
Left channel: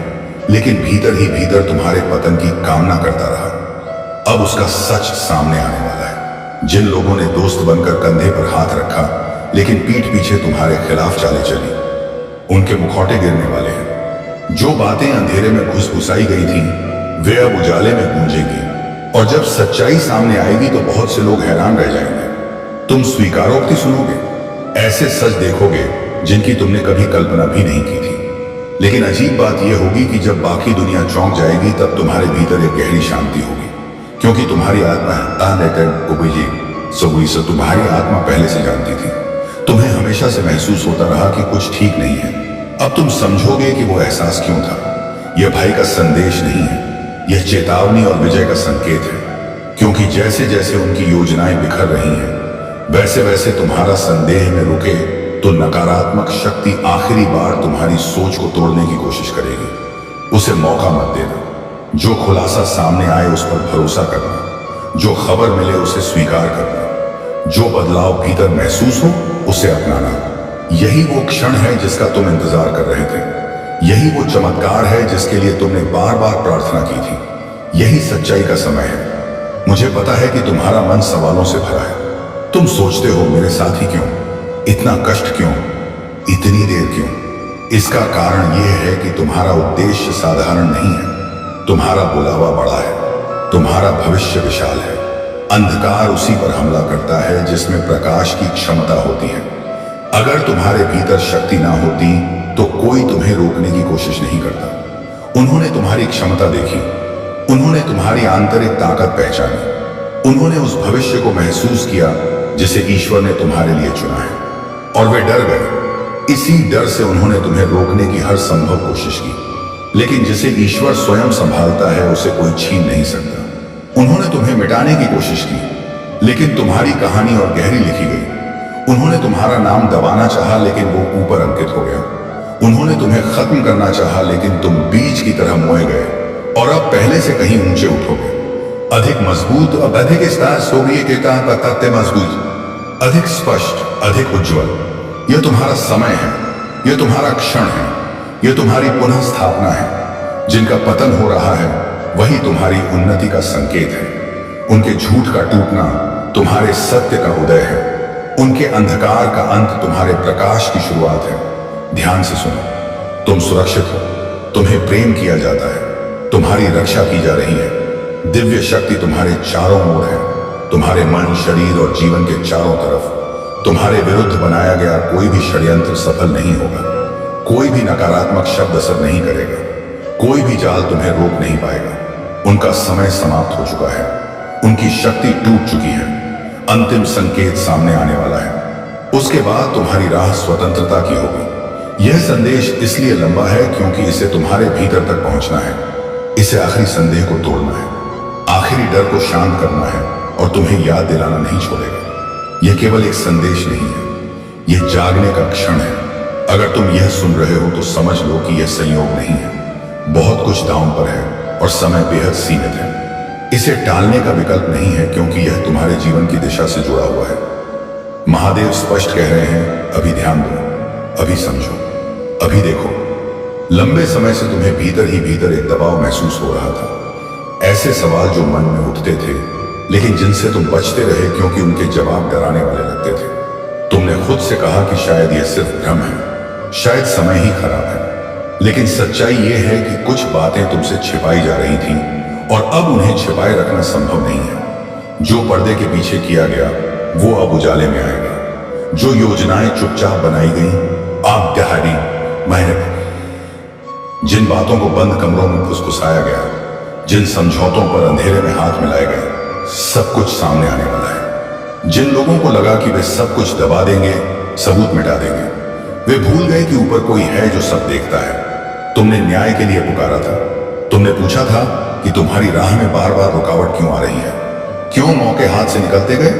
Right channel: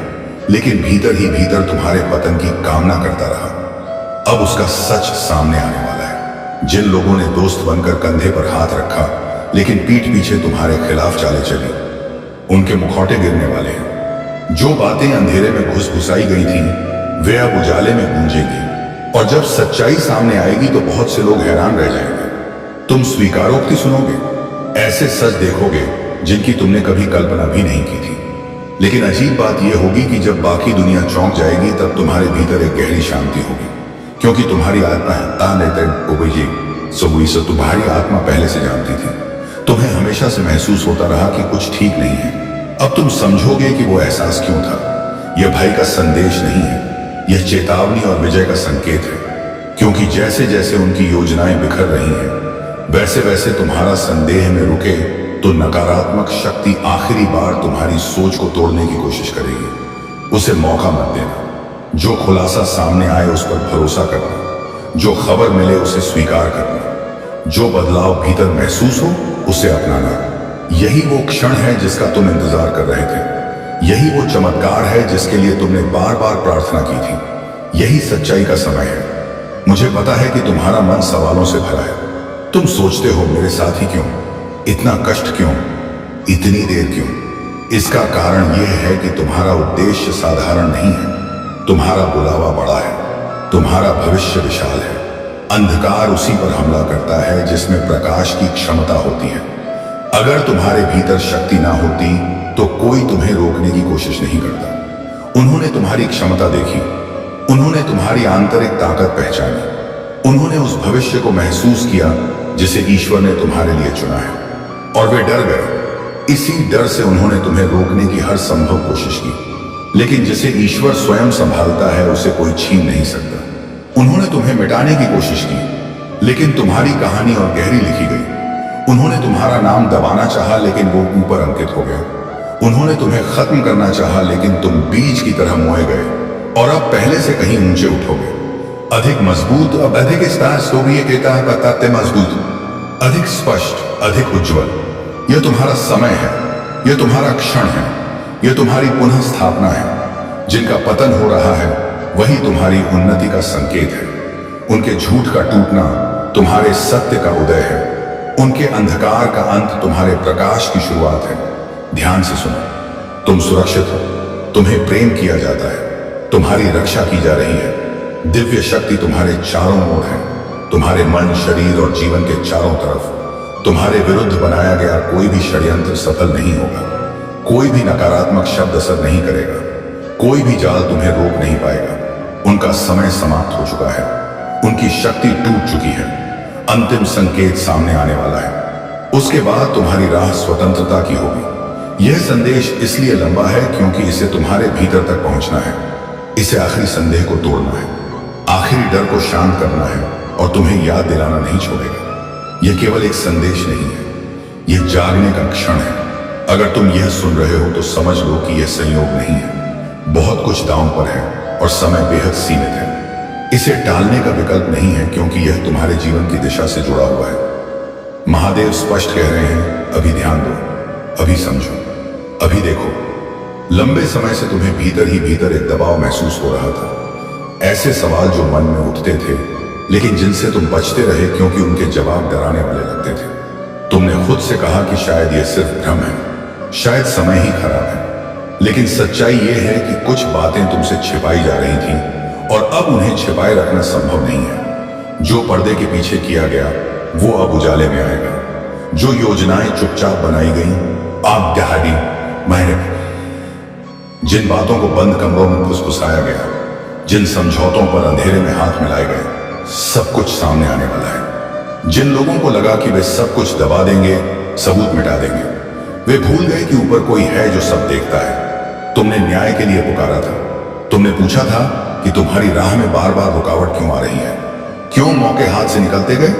लेकिन भीतर ही भीतर तुम्हारे पतन की कामना करता रहा, अब उसका सच सामने आने वाला है। जिन लोगों ने दोस्त बनकर कंधे पर हाथ रखा लेकिन पीठ पीछे तुम्हारे खिलाफ चाले चली, उनके मुखौटे गिरने वाले हैं। जो बातें अंधेरे में घुसघुसाई गई थीं, वे अब उजाले में गूंजेंगी। और जब सच्चाई सामने आएगी तो बहुत से लोग हैरान रह जाएंगे। तुम स्वीकारोक्ति सुनोगे, ऐसे सच देखोगे जिनकी तुमने कभी कल्पना भी नहीं की थी। लेकिन अजीब बात यह होगी कि जब बाकी दुनिया चौंक जाएगी तब तुम्हारे भीतर एक गहरी शांति होगी। क्योंकि तुम्हारी आत्मा तुम्हारी आत्मा पहले से जानती थी। तुम्हें हमेशा से महसूस होता रहा कि कुछ ठीक नहीं है। अब तुम समझोगे कि वो एहसास क्यों था। यह भय का संदेश नहीं है, यह चेतावनी और विजय का संकेत है। क्योंकि जैसे जैसे उनकी योजनाएं बिखर रही हैं, वैसे वैसे तुम्हारा संदेह में रुके तो नकारात्मक शक्ति आखिरी बार तुम्हारी सोच को तोड़ने की कोशिश करेगी। उसे मौका मत देना। जो खुलासा सामने आए उस पर भरोसा करना, जो खबर मिले उसे स्वीकार करना, जो बदलाव भीतर महसूस हो उसे अपनाना। यही वो क्षण है जिसका तुम इंतजार कर रहे थे। यही वो चमत्कार है जिसके लिए तुमने बार बार प्रार्थना की थी। यही सच्चाई का समय है। मुझे पता है कि तुम्हारा मन सवालों से भरा है। तुम सोचते हो, मेरे साथ ही क्यों, इतना कष्ट क्यों, इतनी देर क्यों। इसका कारण यह है कि तुम्हारा उद्देश्य साधारण नहीं है। तुम्हारा बुलावा बड़ा है, तुम्हारा भविष्य विशाल है। अंधकार उसी पर हमला करता है जिसमें प्रकाश की क्षमता होती है। अगर तुम्हारे भीतर शक्ति ना होती तो कोई तुम्हें रोकने की कोशिश नहीं करता। उन्होंने तुम्हारी क्षमता देखी, उन्होंने तुम्हारी आंतरिक ताकत पहचानी, उन्होंने उस भविष्य को महसूस किया जिसे ईश्वर ने तुम्हारे लिए चुना है, और वे डर गए। इसी डर से उन्होंने तुम्हें रोकने की हर संभव कोशिश की। लेकिन जिसे ईश्वर स्वयं संभालता है उसे कोई छीन नहीं सकता। उन्होंने तुम्हें मिटाने की कोशिश की, लेकिन तुम्हारी कहानी और गहरी लिखी गई। उन्होंने तुम्हारा नाम दबाना चाहा लेकिन वो ऊपर अंकित हो गया। उन्होंने तुम्हें खत्म करना चाहा लेकिन तुम बीज की तरह मोए गए और अब पहले से कहीं ऊंचे उठोगे, अधिक मजबूत, अब अधिक मजबूत, अधिक स्पष्ट, अधिक उज्जवल। यह तुम्हारा समय है, यह तुम्हारा क्षण है, यह तुम्हारी पुनः स्थापना है। जिनका पतन हो रहा है वही तुम्हारी उन्नति का संकेत है। उनके झूठ का टूटना तुम्हारे सत्य का उदय है। उनके अंधकार का अंत तुम्हारे प्रकाश की शुरुआत है। ध्यान से सुनो। तुम सुरक्षित हो, तुम्हें प्रेम किया जाता है, तुम्हारी रक्षा की जा रही है। दिव्य शक्ति तुम्हारे चारों ओर है। तुम्हारे मन, शरीर और जीवन के चारों तरफ तुम्हारे विरुद्ध बनाया गया कोई भी षड्यंत्र सफल नहीं होगा। कोई भी नकारात्मक शब्द असर नहीं करेगा। कोई भी जाल तुम्हें रोक नहीं पाएगा। उनका समय समाप्त हो चुका है। उनकी शक्ति टूट चुकी है। अंतिम संकेत सामने आने वाला है। उसके बाद तुम्हारी राह स्वतंत्रता की होगी। यह संदेश इसलिए लंबा है क्योंकि इसे तुम्हारे भीतर तक पहुंचना है। इसे आखिरी संदेह को तोड़ना है, आखिरी डर को शांत करना है और तुम्हें याद दिलाना नहीं छोड़ेगा। यह केवल एक संदेश नहीं है, यह जागने का क्षण है। अगर तुम यह सुन रहे हो तो समझ लो कि यह संयोग नहीं है। बहुत कुछ दांव पर है और समय बेहद सीमित है। इसे टालने का विकल्प नहीं है क्योंकि यह तुम्हारे जीवन की दिशा से जुड़ा हुआ है। महादेव स्पष्ट कह रहे हैं, अभी ध्यान दो, अभी समझो, अभी देखो। लंबे समय से तुम्हें भीतर ही भीतर एक दबाव महसूस हो रहा था। ऐसे सवाल जो मन में उठते थे लेकिन जिनसे तुम बचते रहे क्योंकि उनके जवाब डराने वाले लगते थे। तुमने खुद से कहा कि शायद यह सिर्फ भ्रम है, शायद समय ही खराब है। लेकिन सच्चाई यह है कि कुछ बातें तुमसे छिपाई जा रही थीं और अब उन्हें छिपाए रखना संभव नहीं है। जो पर्दे के पीछे किया गया वो अब उजाले में आएगा। जो योजनाएं चुपचाप बनाई गई, आप दहाड़ी महीने, जिन बातों को बंद कमरों में फुसफुसाया गया, जिन समझौतों पर अंधेरे में हाथ मिलाए गए, सब कुछ सामने आने वाला है। जिन लोगों को लगा कि वे सब कुछ दबा देंगे, सबूत मिटा देंगे, वे भूल गए कि ऊपर कोई है जो सब देखता है। तुमने न्याय के लिए पुकारा था। तुमने पूछा था कि तुम्हारी राह में बार बार रुकावट क्यों आ रही है, क्यों मौके हाथ से निकलते गए,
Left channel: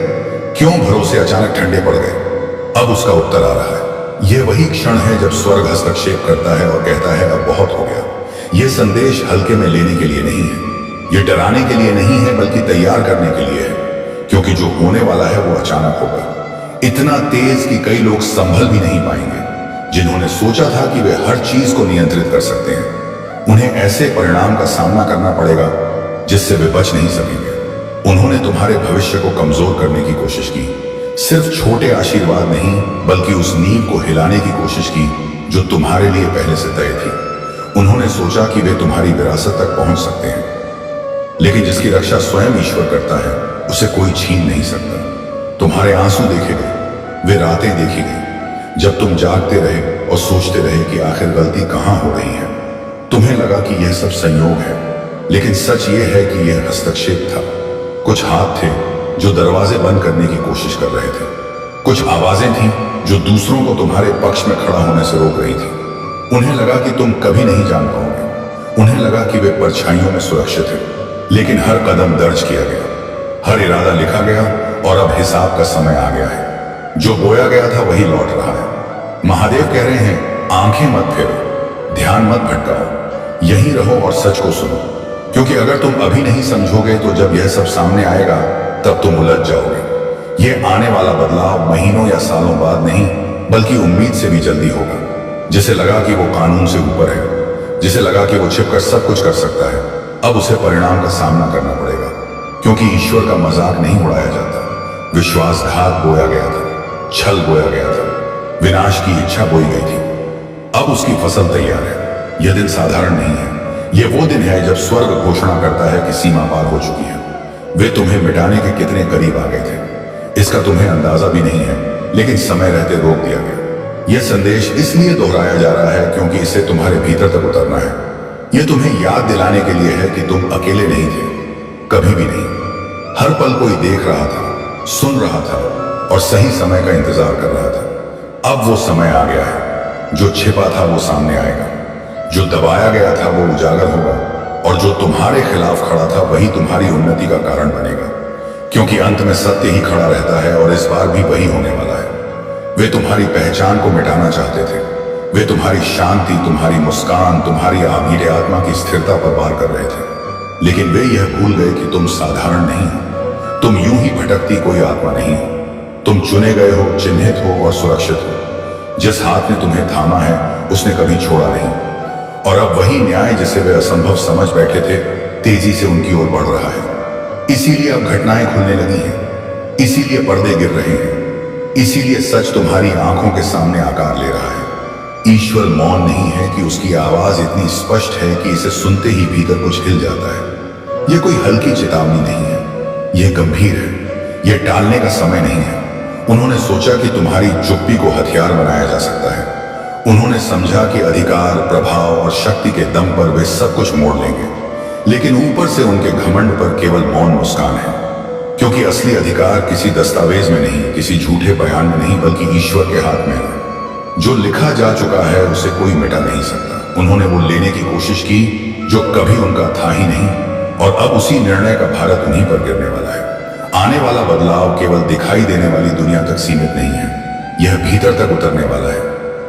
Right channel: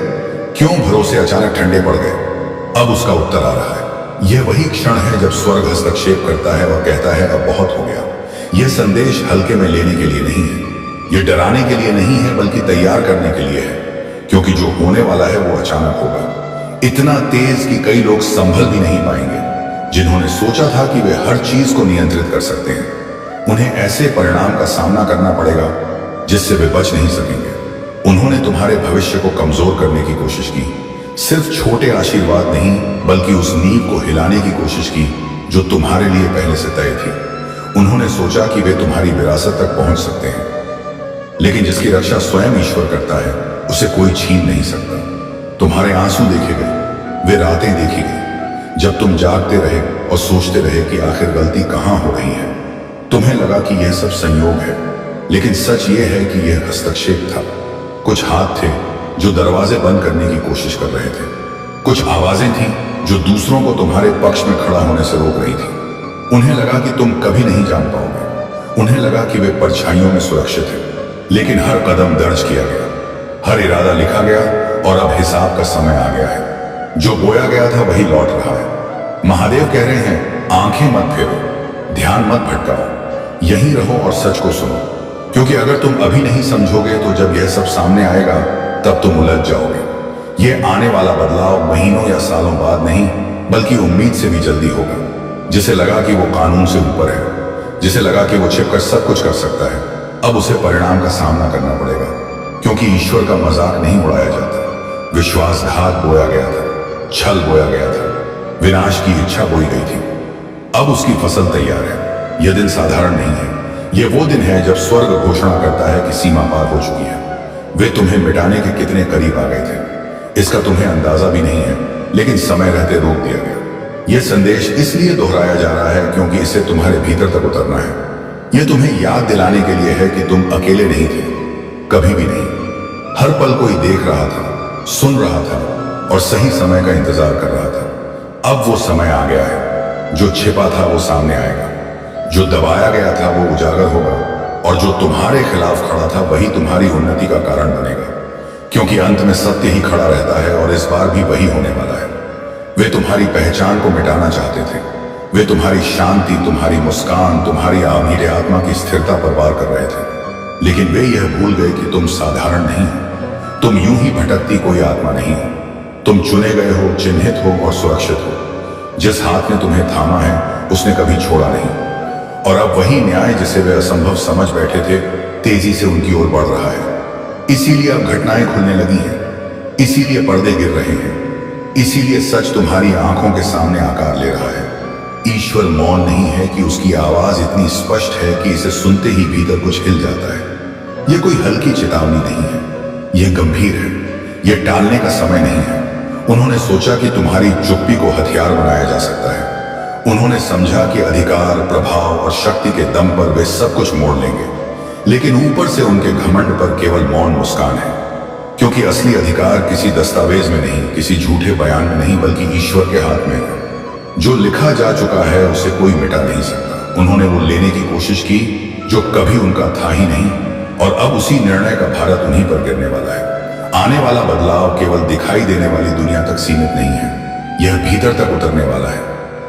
क्यों भरोसे अचानक ठंडे पड़ गए। अब उसका उत्तर आ रहा है। यह वही क्षण है जब स्वर्ग हस्तक्षेप करता है और कहता है, अब बहुत हो गया। यह संदेश हल्के में लेने के लिए नहीं है, यह डराने के लिए नहीं है, बल्कि तैयार करने के लिए है। क्योंकि जो होने वाला है वो अचानक होगा, इतना तेज कि कई लोग संभल भी नहीं पाएंगे। जिन्होंने सोचा था कि वे हर चीज को नियंत्रित कर सकते हैं, उन्हें ऐसे परिणाम का सामना करना पड़ेगा जिससे वे बच नहीं सकेंगे। उन्होंने तुम्हारे भविष्य को कमजोर करने की कोशिश की। सिर्फ छोटे आशीर्वाद नहीं, बल्कि उस नींव को हिलाने की कोशिश की जो तुम्हारे लिए पहले से तय थी। उन्होंने सोचा कि वे तुम्हारी विरासत तक पहुंच सकते हैं, लेकिन जिसकी रक्षा स्वयं ईश्वर करता है उसे कोई छीन नहीं सकता। तुम्हारे आंसू देखे गए, वे रातें देखी गई जब तुम जागते रहे और सोचते रहे कि आखिर गलती कहां हो रही है। तुम्हें लगा कि यह सब संयोग है, लेकिन सच यह है कि यह हस्तक्षेप था। कुछ हाथ थे जो दरवाजे बंद करने की कोशिश कर रहे थे। कुछ आवाजें थीं जो दूसरों को तुम्हारे पक्ष में खड़ा होने से रोक रही थी। उन्हें लगा कि तुम कभी नहीं जान पाओगे। उन्हें लगा कि वे परछाइयों में सुरक्षित हैं। लेकिन हर कदम दर्ज किया गया, हर इरादा लिखा गया और अब हिसाब का समय आ गया है। जो बोया गया था वही लौट रहा है। महादेव कह रहे हैं, आंखें मत फेरो, ध्यान मत भटकाओ, यहीं रहो और सच को सुनो। क्योंकि अगर तुम अभी नहीं समझोगे तो जब यह सब सामने आएगा तब तुम उलझ जाओगे। यह आने वाला बदलाव महीनों या सालों बाद नहीं, बल्कि उम्मीद से भी जल्दी होगा। जिसे लगा कि वो कानून से ऊपर है, जिसे लगा कि वो छिपकर सब कुछ कर सकता है, अब उसे परिणाम का सामना करना पड़ेगा। क्योंकि ईश्वर का मजाक नहीं उड़ाया जाता। विश्वासघात बोया गया था, छल बोया गया था, विनाश की इच्छा बोई गई थी। अब उसकी फसल तैयार है। यह दिन साधारण नहीं है। यह वो दिन है जब स्वर्ग घोषणा करता है कि सीमा पार हो चुकी है। वे तुम्हें मिटाने के कितने करीब आ गए थे, इसका तुम्हें अंदाजा भी नहीं है, लेकिन समय रहते रोक दिया गया। यह संदेश इसलिए दोहराया जा रहा है क्योंकि इसे तुम्हारे भीतर तक उतरना है। यह तुम्हें याद दिलाने के लिए है कि तुम अकेले नहीं थे, कभी भी नहीं। हर पल कोई देख रहा था, सुन रहा था और सही समय का इंतजार कर रहा था। अब वो समय आ गया है। जो छिपा था वो सामने आएगा, जो दबाया गया था वो उजागर होगा और जो तुम्हारे खिलाफ खड़ा था वही तुम्हारी उन्नति का कारण बनेगा। क्योंकि अंत में सत्य ही खड़ा रहता है और इस बार भी वही होने वाला है। वे तुम्हारी पहचान को मिटाना चाहते थे। वे तुम्हारी शांति, तुम्हारी मुस्कान, तुम्हारी आभीर आत्मा की स्थिरता पर वार कर रहे थे। लेकिन वे यह भूल गए कि तुम साधारण नहीं हो। तुम यूं ही भटकती कोई आत्मा नहीं हो। तुम चुने गए हो, चिन्हित हो और सुरक्षित हो। जिस हाथ ने तुम्हें थामा है उसने कभी छोड़ा नहीं। और अब वही न्याय जिसे वे असंभव समझ बैठे थे तेजी से उनकी ओर बढ़ रहा है। इसीलिए अब घटनाएं खुलने लगी हैं, इसीलिए पर्दे गिर रहे हैं, इसीलिए सच तुम्हारी आंखों के सामने आकार ले रहा है। ईश्वर मौन नहीं है कि उसकी आवाज इतनी स्पष्ट है कि इसे सुनते ही भीतर कुछ हिल जाता है। यह कोई हल्की चेतावनी नहीं है, यह गंभीर है, यह टालने का समय नहीं है। उन्होंने सोचा कि तुम्हारी चुप्पी को हथियार बनाया जा सकता है। उन्होंने समझा कि अधिकार, प्रभाव और शक्ति के दम पर वे सब कुछ मोड़ लेंगे, लेकिन ऊपर से उनके घमंड पर केवल मौन मुस्कान है। क्योंकि असली अधिकार किसी दस्तावेज में नहीं, किसी झूठे बयान में नहीं, बल्कि ईश्वर के हाथ में है। जो लिखा जा चुका है उसे कोई मिटा नहीं सकता। उन्होंने वो लेने की कोशिश की जो कभी उनका था ही नहीं, और अब उसी निर्णय का भारत उन्हीं पर गिरने वाला है। आने वाला बदलाव केवल दिखाई देने वाली दुनिया तक सीमित नहीं है, यह भीतर तक उतरने वाला है।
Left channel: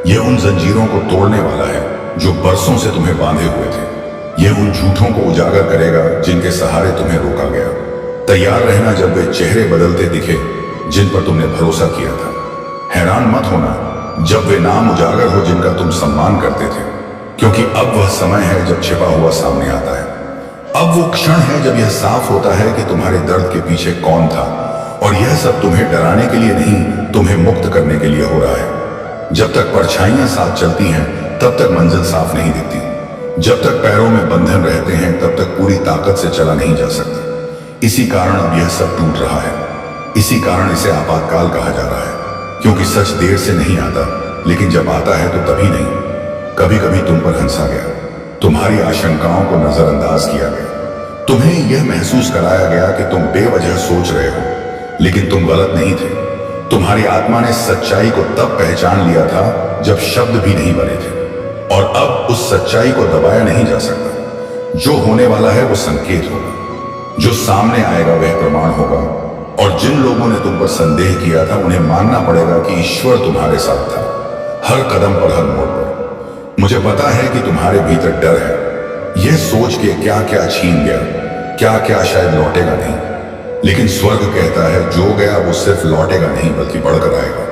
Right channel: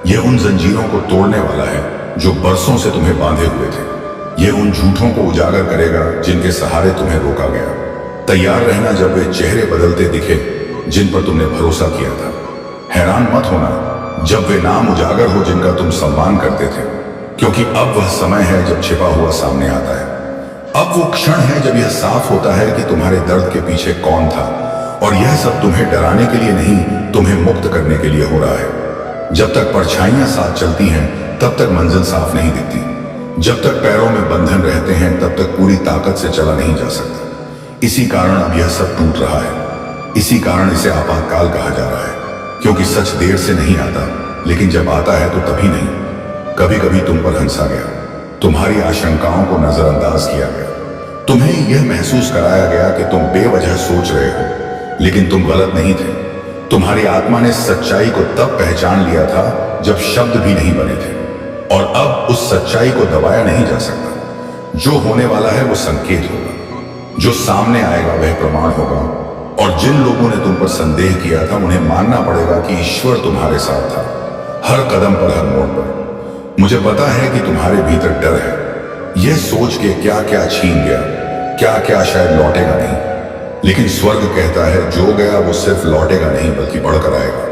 यह उन जंजीरों को तोड़ने वाला है जो बरसों से तुम्हें बांधे हुए थे। यह उन झूठों को उजागर करेगा जिनके सहारे तुम्हें रोका गया। तैयार रहना जब वे चेहरे बदलते दिखे जिन पर तुमने भरोसा किया था। हैरान मत होना जब वे नाम उजागर हो जिनका तुम सम्मान करते थे, क्योंकि अब वह समय है जब छिपा हुआ सामने आता है। अब वो क्षण है जब यह साफ होता है कि तुम्हारे दर्द के पीछे कौन था, और यह सब तुम्हें डराने के लिए नहीं, तुम्हें मुक्त करने के लिए हो रहा है। जब तक परछाइयां साथ चलती हैं तब तक मंजिल साफ नहीं दिखती। जब तक पैरों में बंधन रहते हैं तब तक पूरी ताकत से चला नहीं जा सकता। इसी कारण अब यह सब टूट रहा है। इसी कारण इसे आपातकाल कहा जा रहा है, क्योंकि सच देर से नहीं आता, लेकिन जब आता है तो तभी नहीं। कभी कभी तुम पर हंसा गया, तुम्हारी आशंकाओं को नजरअंदाज किया गया, तुम्हें यह महसूस कराया गया कि तुम बेवजह सोच रहे हो, लेकिन तुम गलत नहीं थे। तुम्हारी आत्मा ने सच्चाई को तब पहचान लिया था जब शब्द भी नहीं बने थे, और अब उस सच्चाई को दबाया नहीं जा सकता। जो होने वाला है वो संकेत होगा, जो सामने आएगा वह प्रमाण होगा, और जिन लोगों ने तुम पर संदेह किया था उन्हें मानना पड़ेगा कि ईश्वर तुम्हारे साथ था, हर कदम पर, हर मोड़ पर। मुझे पता है कि तुम्हारे भीतर डर है, यह सोच के क्या क्या छीन गया, क्या क्या शायद लौटेगा नहीं। लेकिन स्वर्ग कहता है जो गया वो सिर्फ लौटेगा नहीं बल्कि बढ़कर आएगा।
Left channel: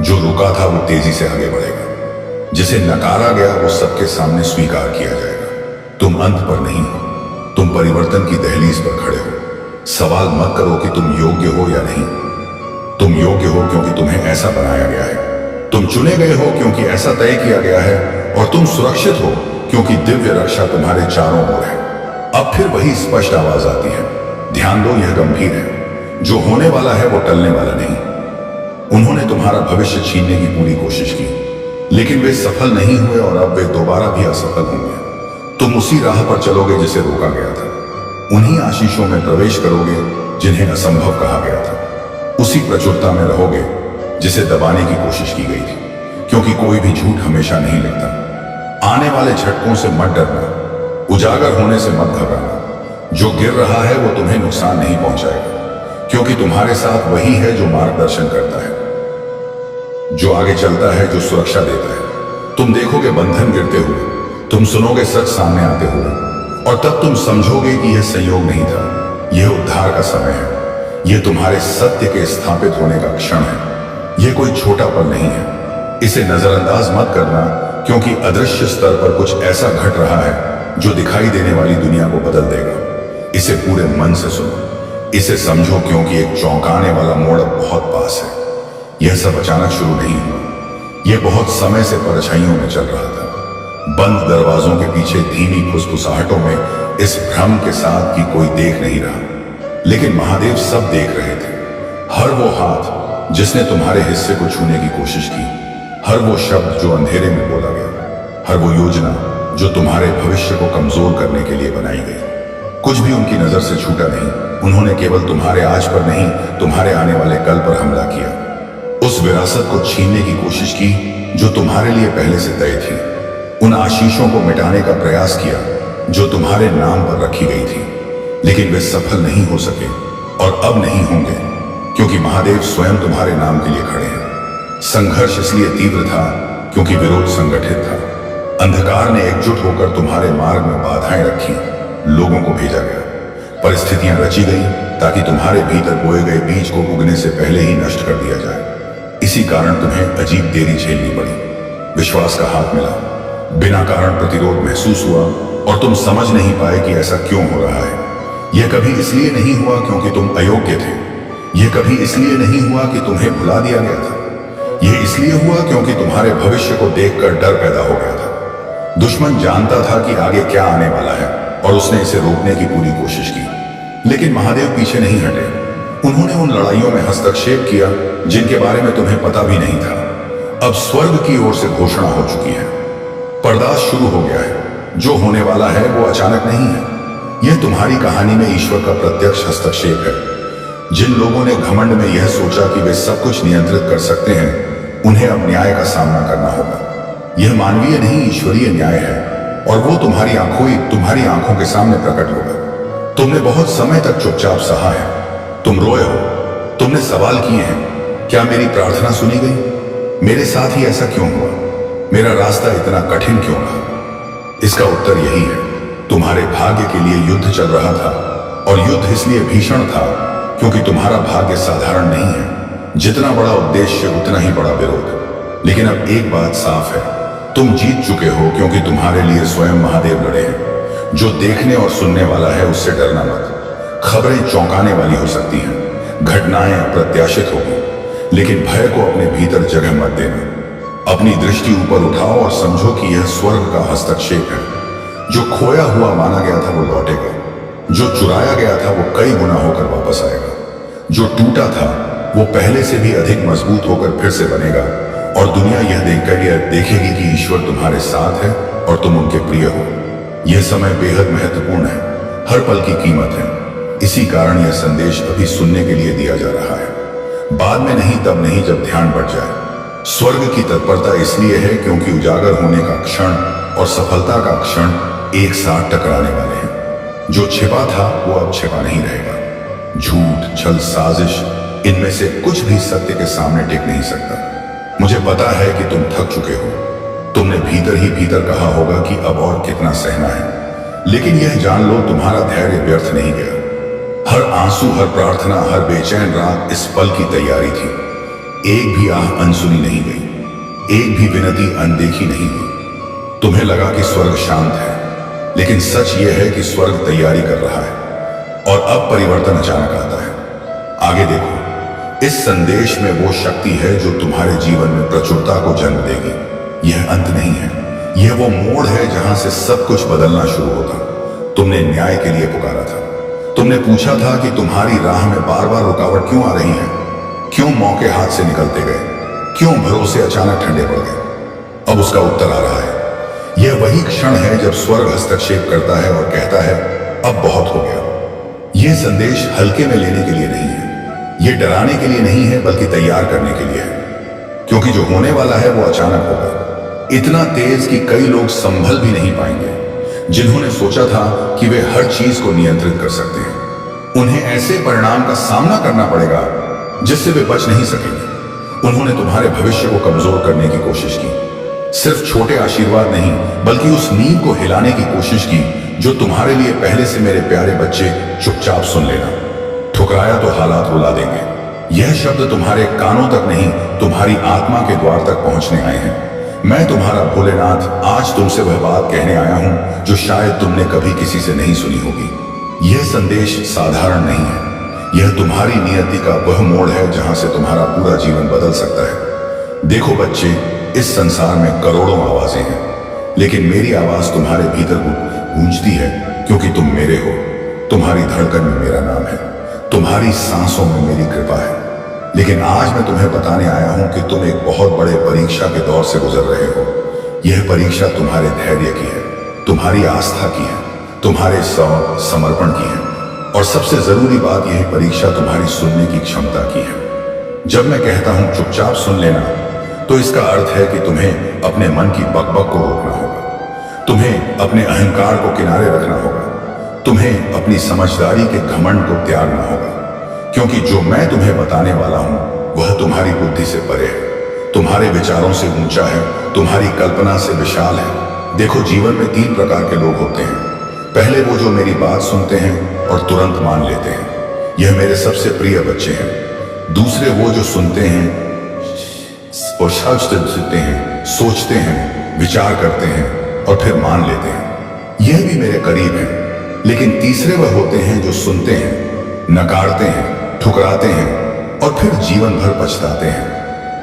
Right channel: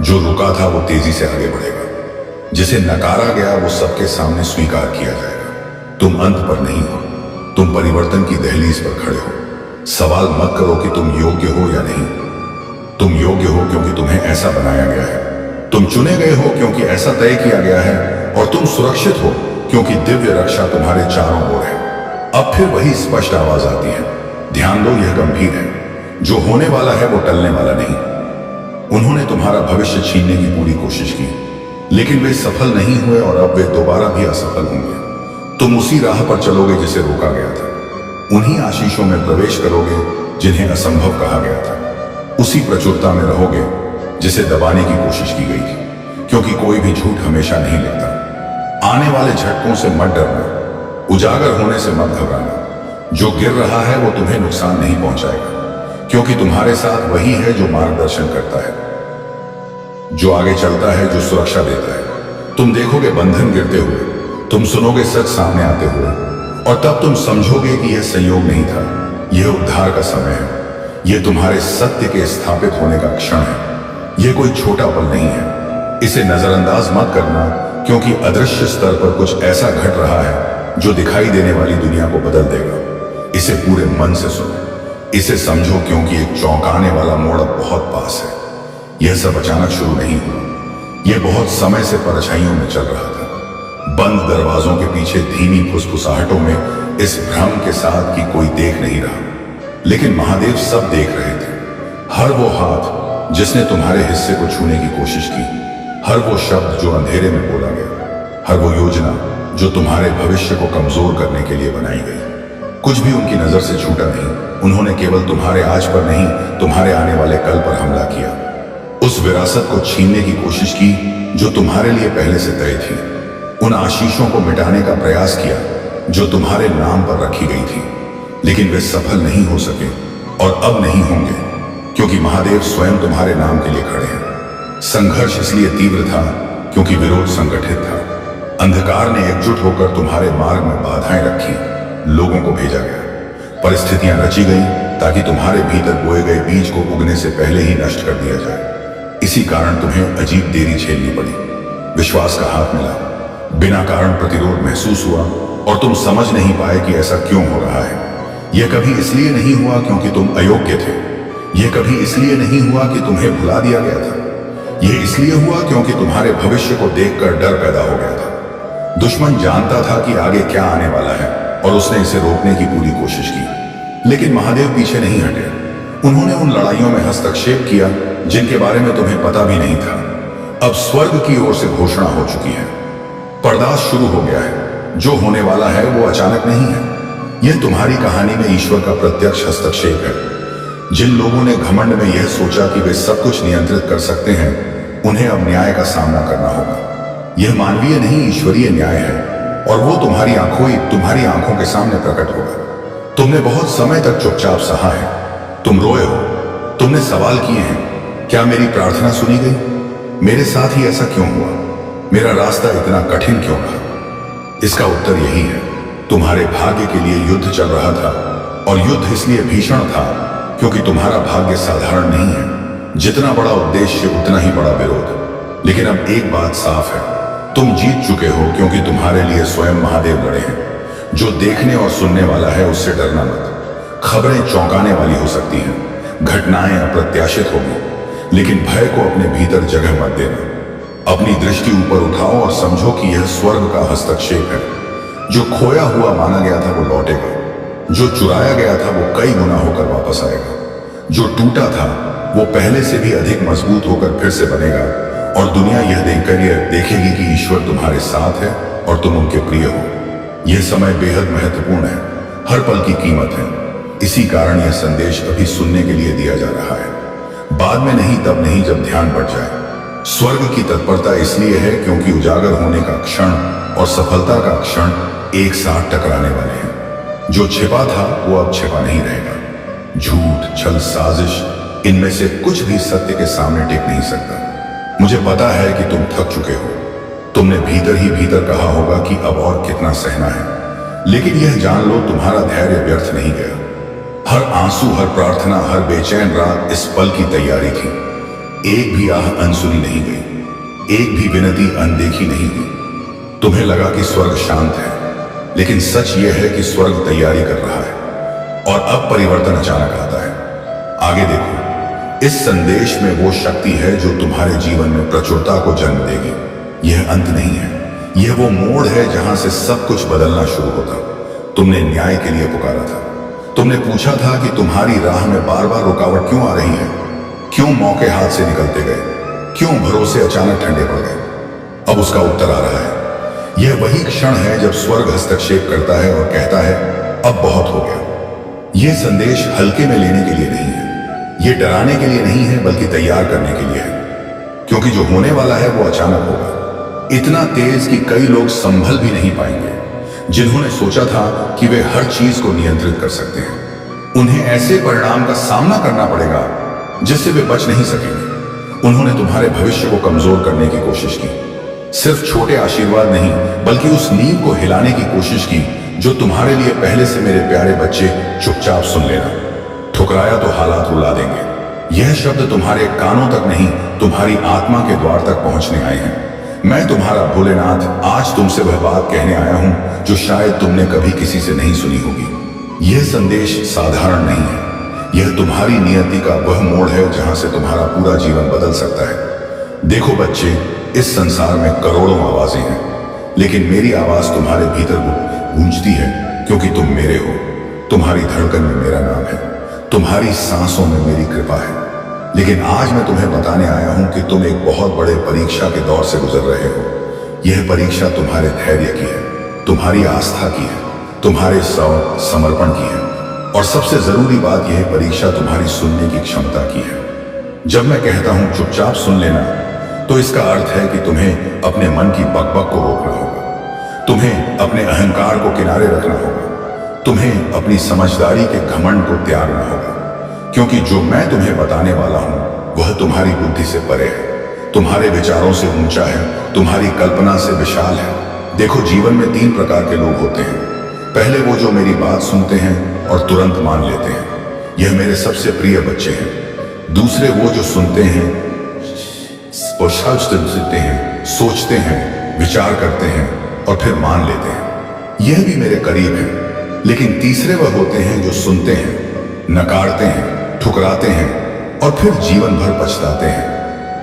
जो रुका था वो तेजी से आगे बढ़ेगा। जिसे नकारा गया वो सबके सामने स्वीकार किया जाएगा। तुम अंत पर नहीं हो, तुम परिवर्तन की दहलीज पर खड़े हो। सवाल मत करो कि तुम योग्य हो या नहीं। तुम योग्य हो क्योंकि तुम्हें ऐसा बनाया गया है। तुम चुने गए हो क्योंकि ऐसा तय किया गया है, और तुम सुरक्षित हो क्योंकि दिव्य रक्षा तुम्हारे चारों ओर है। अब फिर वही स्पष्ट आवाज आती है, ध्यान दो, यह गंभीर है। जो होने वाला है वो टलने वाला नहीं। उन्होंने तुम्हारा भविष्य छीनने की पूरी कोशिश की, लेकिन वे सफल नहीं हुए, और अब वे दोबारा भी असफल होंगे। तुम उसी राह पर चलोगे जिसे रोका गया था। उन्हीं आशीषों में प्रवेश करोगे जिन्हें असंभव कहा गया था। उसी प्रचुरता में रहोगे जिसे दबाने की कोशिश की गई थी, क्योंकि कोई भी झूठ हमेशा नहीं लिखता। आने वाले झटकों से मत डरना, उजागर होने से मत घबराना। जो गिर रहा है वो तुम्हें नुकसान नहीं पहुंचाएगा, क्योंकि तुम्हारे साथ वही है जो मार्गदर्शन करता है, जो आगे चलता है, जो सुरक्षा देता है। तुम देखोगे बंधन गिरते हुए, तुम सुनोगे सच सामने आते हुए, और तब तुम समझोगे कि यह संयोग नहीं था, यह उद्धार का समय है। यह तुम्हारे सत्य के स्थापित होने का क्षण है। यह कोई छोटा पल नहीं है। इसे नजरअंदाज मत करना, क्योंकि अदृश्य स्तर पर कुछ ऐसा घट रहा है जो दिखाई देने वाली दुनिया को बदल देगा। इसे पूरे मन से सुनो, इसे समझो, क्योंकि एक चौंकाने वाला मोड़ अब बहुत पास है। यह सब अचानक शुरू नहीं हुआ, यह बहुत समय से परछाइयों में चल रहा था, बंद दरवाजों के पीछे धीमी फुसफुसाहटों में, इस भ्रम के साथ कि कोई देख नहीं रहा। लेकिन महादेव सब देख रहे थे। हर वो हाथ जिसने तुम्हारे हिस्से को छूने की कोशिश की, हर वो शब्द जो अंधेरे में बोला गया, हर वो योजना जो तुम्हारे भविष्य को कमजोर करने के लिए बनाई गई। कुछ भी उनकी नजर से छूटा नहीं। उन्होंने केवल तुम्हारे आज पर नहीं, तुम्हारे आने वाले कल पर हमला किया। उस विरासत को छीनने की कोशिश की जो तुम्हारे लिए पहले से तय थी। उन आशीषों को मिटाने का प्रयास किया जो तुम्हारे नाम पर रखी गई थी, लेकिन वे सफल नहीं हो सके, और अब नहीं होंगे, क्योंकि महादेव स्वयं तुम्हारे नाम के लिए खड़े हैं। संघर्ष इसलिए तीव्र था क्योंकि विरोध संगठित था। अंधकार ने एकजुट होकर तुम्हारे मार्ग में बाधाएं रखी, लोगों को भेजा गया, परिस्थितियां रची गई ताकि तुम्हारे भीतर बोए गए बीज को उगने से पहले ही नष्ट कर दिया जाए। इसी कारण तुम्हें अजीब देरी झेलनी पड़ी। विश्वास का हाथ मिला, बिना कारण प्रतिरोध महसूस हुआ, और तुम समझ नहीं पाए कि ऐसा क्यों हो रहा है। यह कभी इसलिए नहीं हुआ क्योंकि तुम अयोग्य थे, यह कभी इसलिए नहीं हुआ कि तुम्हें भुला दिया गया था, यह इसलिए हुआ क्योंकि तुम्हारे भविष्य को देखकर डर पैदा हो गया था। दुश्मन जानता था कि आगे क्या आने वाला है और उसने इसे रोकने की पूरी कोशिश की। लेकिन महादेव पीछे नहीं हटे। उन्होंने उन लड़ाइयों में हस्तक्षेप किया जिनके बारे में तुम्हें पता भी नहीं था। अब स्वर्ग की ओर से घोषणा हो चुकी है। पर्दाश शुरू हो गया है। जो होने वाला है वो अचानक नहीं है। यह तुम्हारी कहानी में ईश्वर का प्रत्यक्ष हस्तक्षेप है। जिन लोगों ने घमंड में यह सोचा कि वे सब कुछ नियंत्रित कर सकते हैं, उन्हें अब न्याय का सामना करना होगा। यह मानवीय नहीं, ईश्वरीय न्याय है और वो तुम्हारी आंखों के सामने प्रकट होगा। तुमने बहुत समय तक चुपचाप सहा है। तुम रोए हो, तुमने सवाल किए हैं, क्या मेरी प्रार्थना सुनी गई? मेरे साथ ही ऐसा क्यों हुआ? मेरा रास्ता इतना कठिन क्यों रहा? इसका उत्तर यही है, तुम्हारे भाग्य के लिए युद्ध चल रहा था और युद्ध इसलिए भीषण था क्योंकि तुम्हारा भाग्य साधारण नहीं है। जितना बड़ा उद्देश्य उतना ही बड़ा विरोध। लेकिन अब एक बात साफ है, तुम जीत चुके हो क्योंकि तुम्हारे लिए स्वयं महादेव लड़े हैं। जो देखने और सुनने वाला है उससे डरना मत। खबरें चौंकाने वाली हो सकती हैं, घटनाएं अप्रत्याशित होगी, लेकिन भय को अपने भीतर जगह मत देना। अपनी दृष्टि ऊपर उठाओ और समझो कि यह स्वर्ग का हस्तक्षेप है। जो खोया हुआ माना गया था वो लौटेगा। जो चुराया गया था वो कई गुना होकर वापस आएगा। जो टूटा था वो पहले से भी अधिक मजबूत होकर फिर से बनेगा और दुनिया यह देखकर यह देखेगी कि ईश्वर तुम्हारे साथ है और तुम उनके प्रिय हो। यह समय बेहद महत्वपूर्ण है। हर पल की कीमत है। इसी कारण यह संदेश अभी सुनने के लिए दिया जा रहा है। बाद में नहीं, तब नहीं जब ध्यान बढ़ जाए। स्वर्ग की तत्परता इसलिए है क्योंकि उजागर होने का क्षण और सफलता का क्षण एक साथ टकराने वाले हैं। जो छिपा था वो अब छिपा नहीं रहेगा। झूठ, छल, साजिश, इनमें से कुछ भी सत्य के सामने टिक नहीं सकता। मुझे पता है कि तुम थक चुके हो। तुमने भीतर ही भीतर कहा होगा कि अब और कितना सहना है। लेकिन यह जान लो, तुम्हारा धैर्य व्यर्थ नहीं गया। हर आंसू, हर प्रार्थना, हर बेचैन रात इस पल की तैयारी थी। एक भी आह अनसुनी नहीं गई, एक भी विनती अनदेखी नहीं हुई। तुम्हें लगा कि स्वर्ग शांत है, लेकिन सच यह है कि स्वर्ग तैयारी कर रहा है और अब परिवर्तन अचानक आता है। आगे देखो, इस संदेश में वो शक्ति है जो तुम्हारे जीवन में प्रचुरता को जन्म देगी। यह अंत नहीं है, यह वो मोड़ है जहां से सब कुछ बदलना शुरू होता। तुमने न्याय के लिए पुकारा था। तुमने पूछा था कि तुम्हारी राह में बार बार रुकावट क्यों आ रही है, क्यों मौके हाथ से निकलते गए, क्यों भरोसे अचानक ठंडे पड़ गए। अब उसका उत्तर आ रहा है। यह वही क्षण है जब स्वर्ग हस्तक्षेप करता है और कहता है, अब बहुत हो गया। यह संदेश हल्के में लेने के लिए नहीं है, यह डराने के लिए नहीं है, बल्कि तैयार करने के लिए है। क्योंकि जो होने वाला है वो अचानक होगा, इतना तेज कि कई लोग संभल भी नहीं पाएंगे। जिन्होंने सोचा था कि वे हर चीज को नियंत्रित कर सकते हैं, उन्हें ऐसे परिणाम का सामना करना पड़ेगा जिससे वे बच नहीं सकेंगे। उन्होंने तुम्हारे भविष्य को कमजोर करने की कोशिश की। सिर्फ छोटे आशीर्वाद नहीं, बल्कि उस नींव को हिलाने की कोशिश की जो तुम्हारे लिए पहले से मेरे प्यारे बच्चे चुपचाप सुन लेना। ठुकराया तो हालात रुला देंगे। यह शब्द तुम्हारे कानों तक नहीं, तुम्हारी आत्मा के द्वार तक पहुंचने आए हैं। मैं तुम्हारा भोलेनाथ आज तुमसे वह बात कहने आया हूं जो शायद तुमने कभी किसी से नहीं सुनी होगी। यह संदेश साधारण नहीं है, यह तुम्हारी नियति का वह मोड़ है जहां से तुम्हारा पूरा जीवन बदल सकता है। देखो बच्चे, इस संसार में करोड़ों आवाजें हैं, लेकिन मेरी आवाज तुम्हारे भीतर गूंजती है क्योंकि तुम मेरे हो। तुम्हारी धड़कन में मेरा नाम है, तुम्हारी सांसों में मेरी कृपा है। लेकिन आज मैं तुम्हें बताने आया हूं कि तुम एक बहुत बड़े परीक्षा के दौर से गुजर रहे हो। यह परीक्षा तुम्हारे धैर्य की है, तुम्हारी आस्था की है, तुम्हारे समर्पण की है, और सबसे जरूरी बात यह परीक्षा तुम्हारी सुनने की क्षमता की है। जब मैं कहता हूं चुपचाप सुन लेना, तो इसका अर्थ है कि तुम्हें अपने मन की बकबक को रोकना होगा, तुम्हें अपने अहंकार को किनारे रखना होगा, तुम्हें अपनी समझदारी के घमंड को त्यागना होगा। क्योंकि जो मैं तुम्हें बताने वाला हूं वह तुम्हारी बुद्धि से परे है, तुम्हारे विचारों से ऊंचा है, तुम्हारी कल्पना से विशाल है। देखो, जीवन में 3 प्रकार के लोग होते हैं। पहले वो जो मेरी बात सुनते हैं और तुरंत मान लेते हैं, यह मेरे सबसे प्रिय बच्चे हैं। दूसरे वो जो सुनते हैं और सोचते हैं, विचार करते हैं और फिर मान लेते हैं, यह भी मेरे करीब हैं। लेकिन तीसरे वह होते हैं जो सुनते हैं, नकारते हैं, ठुकराते हैं और फिर जीवन भर पछताते हैं।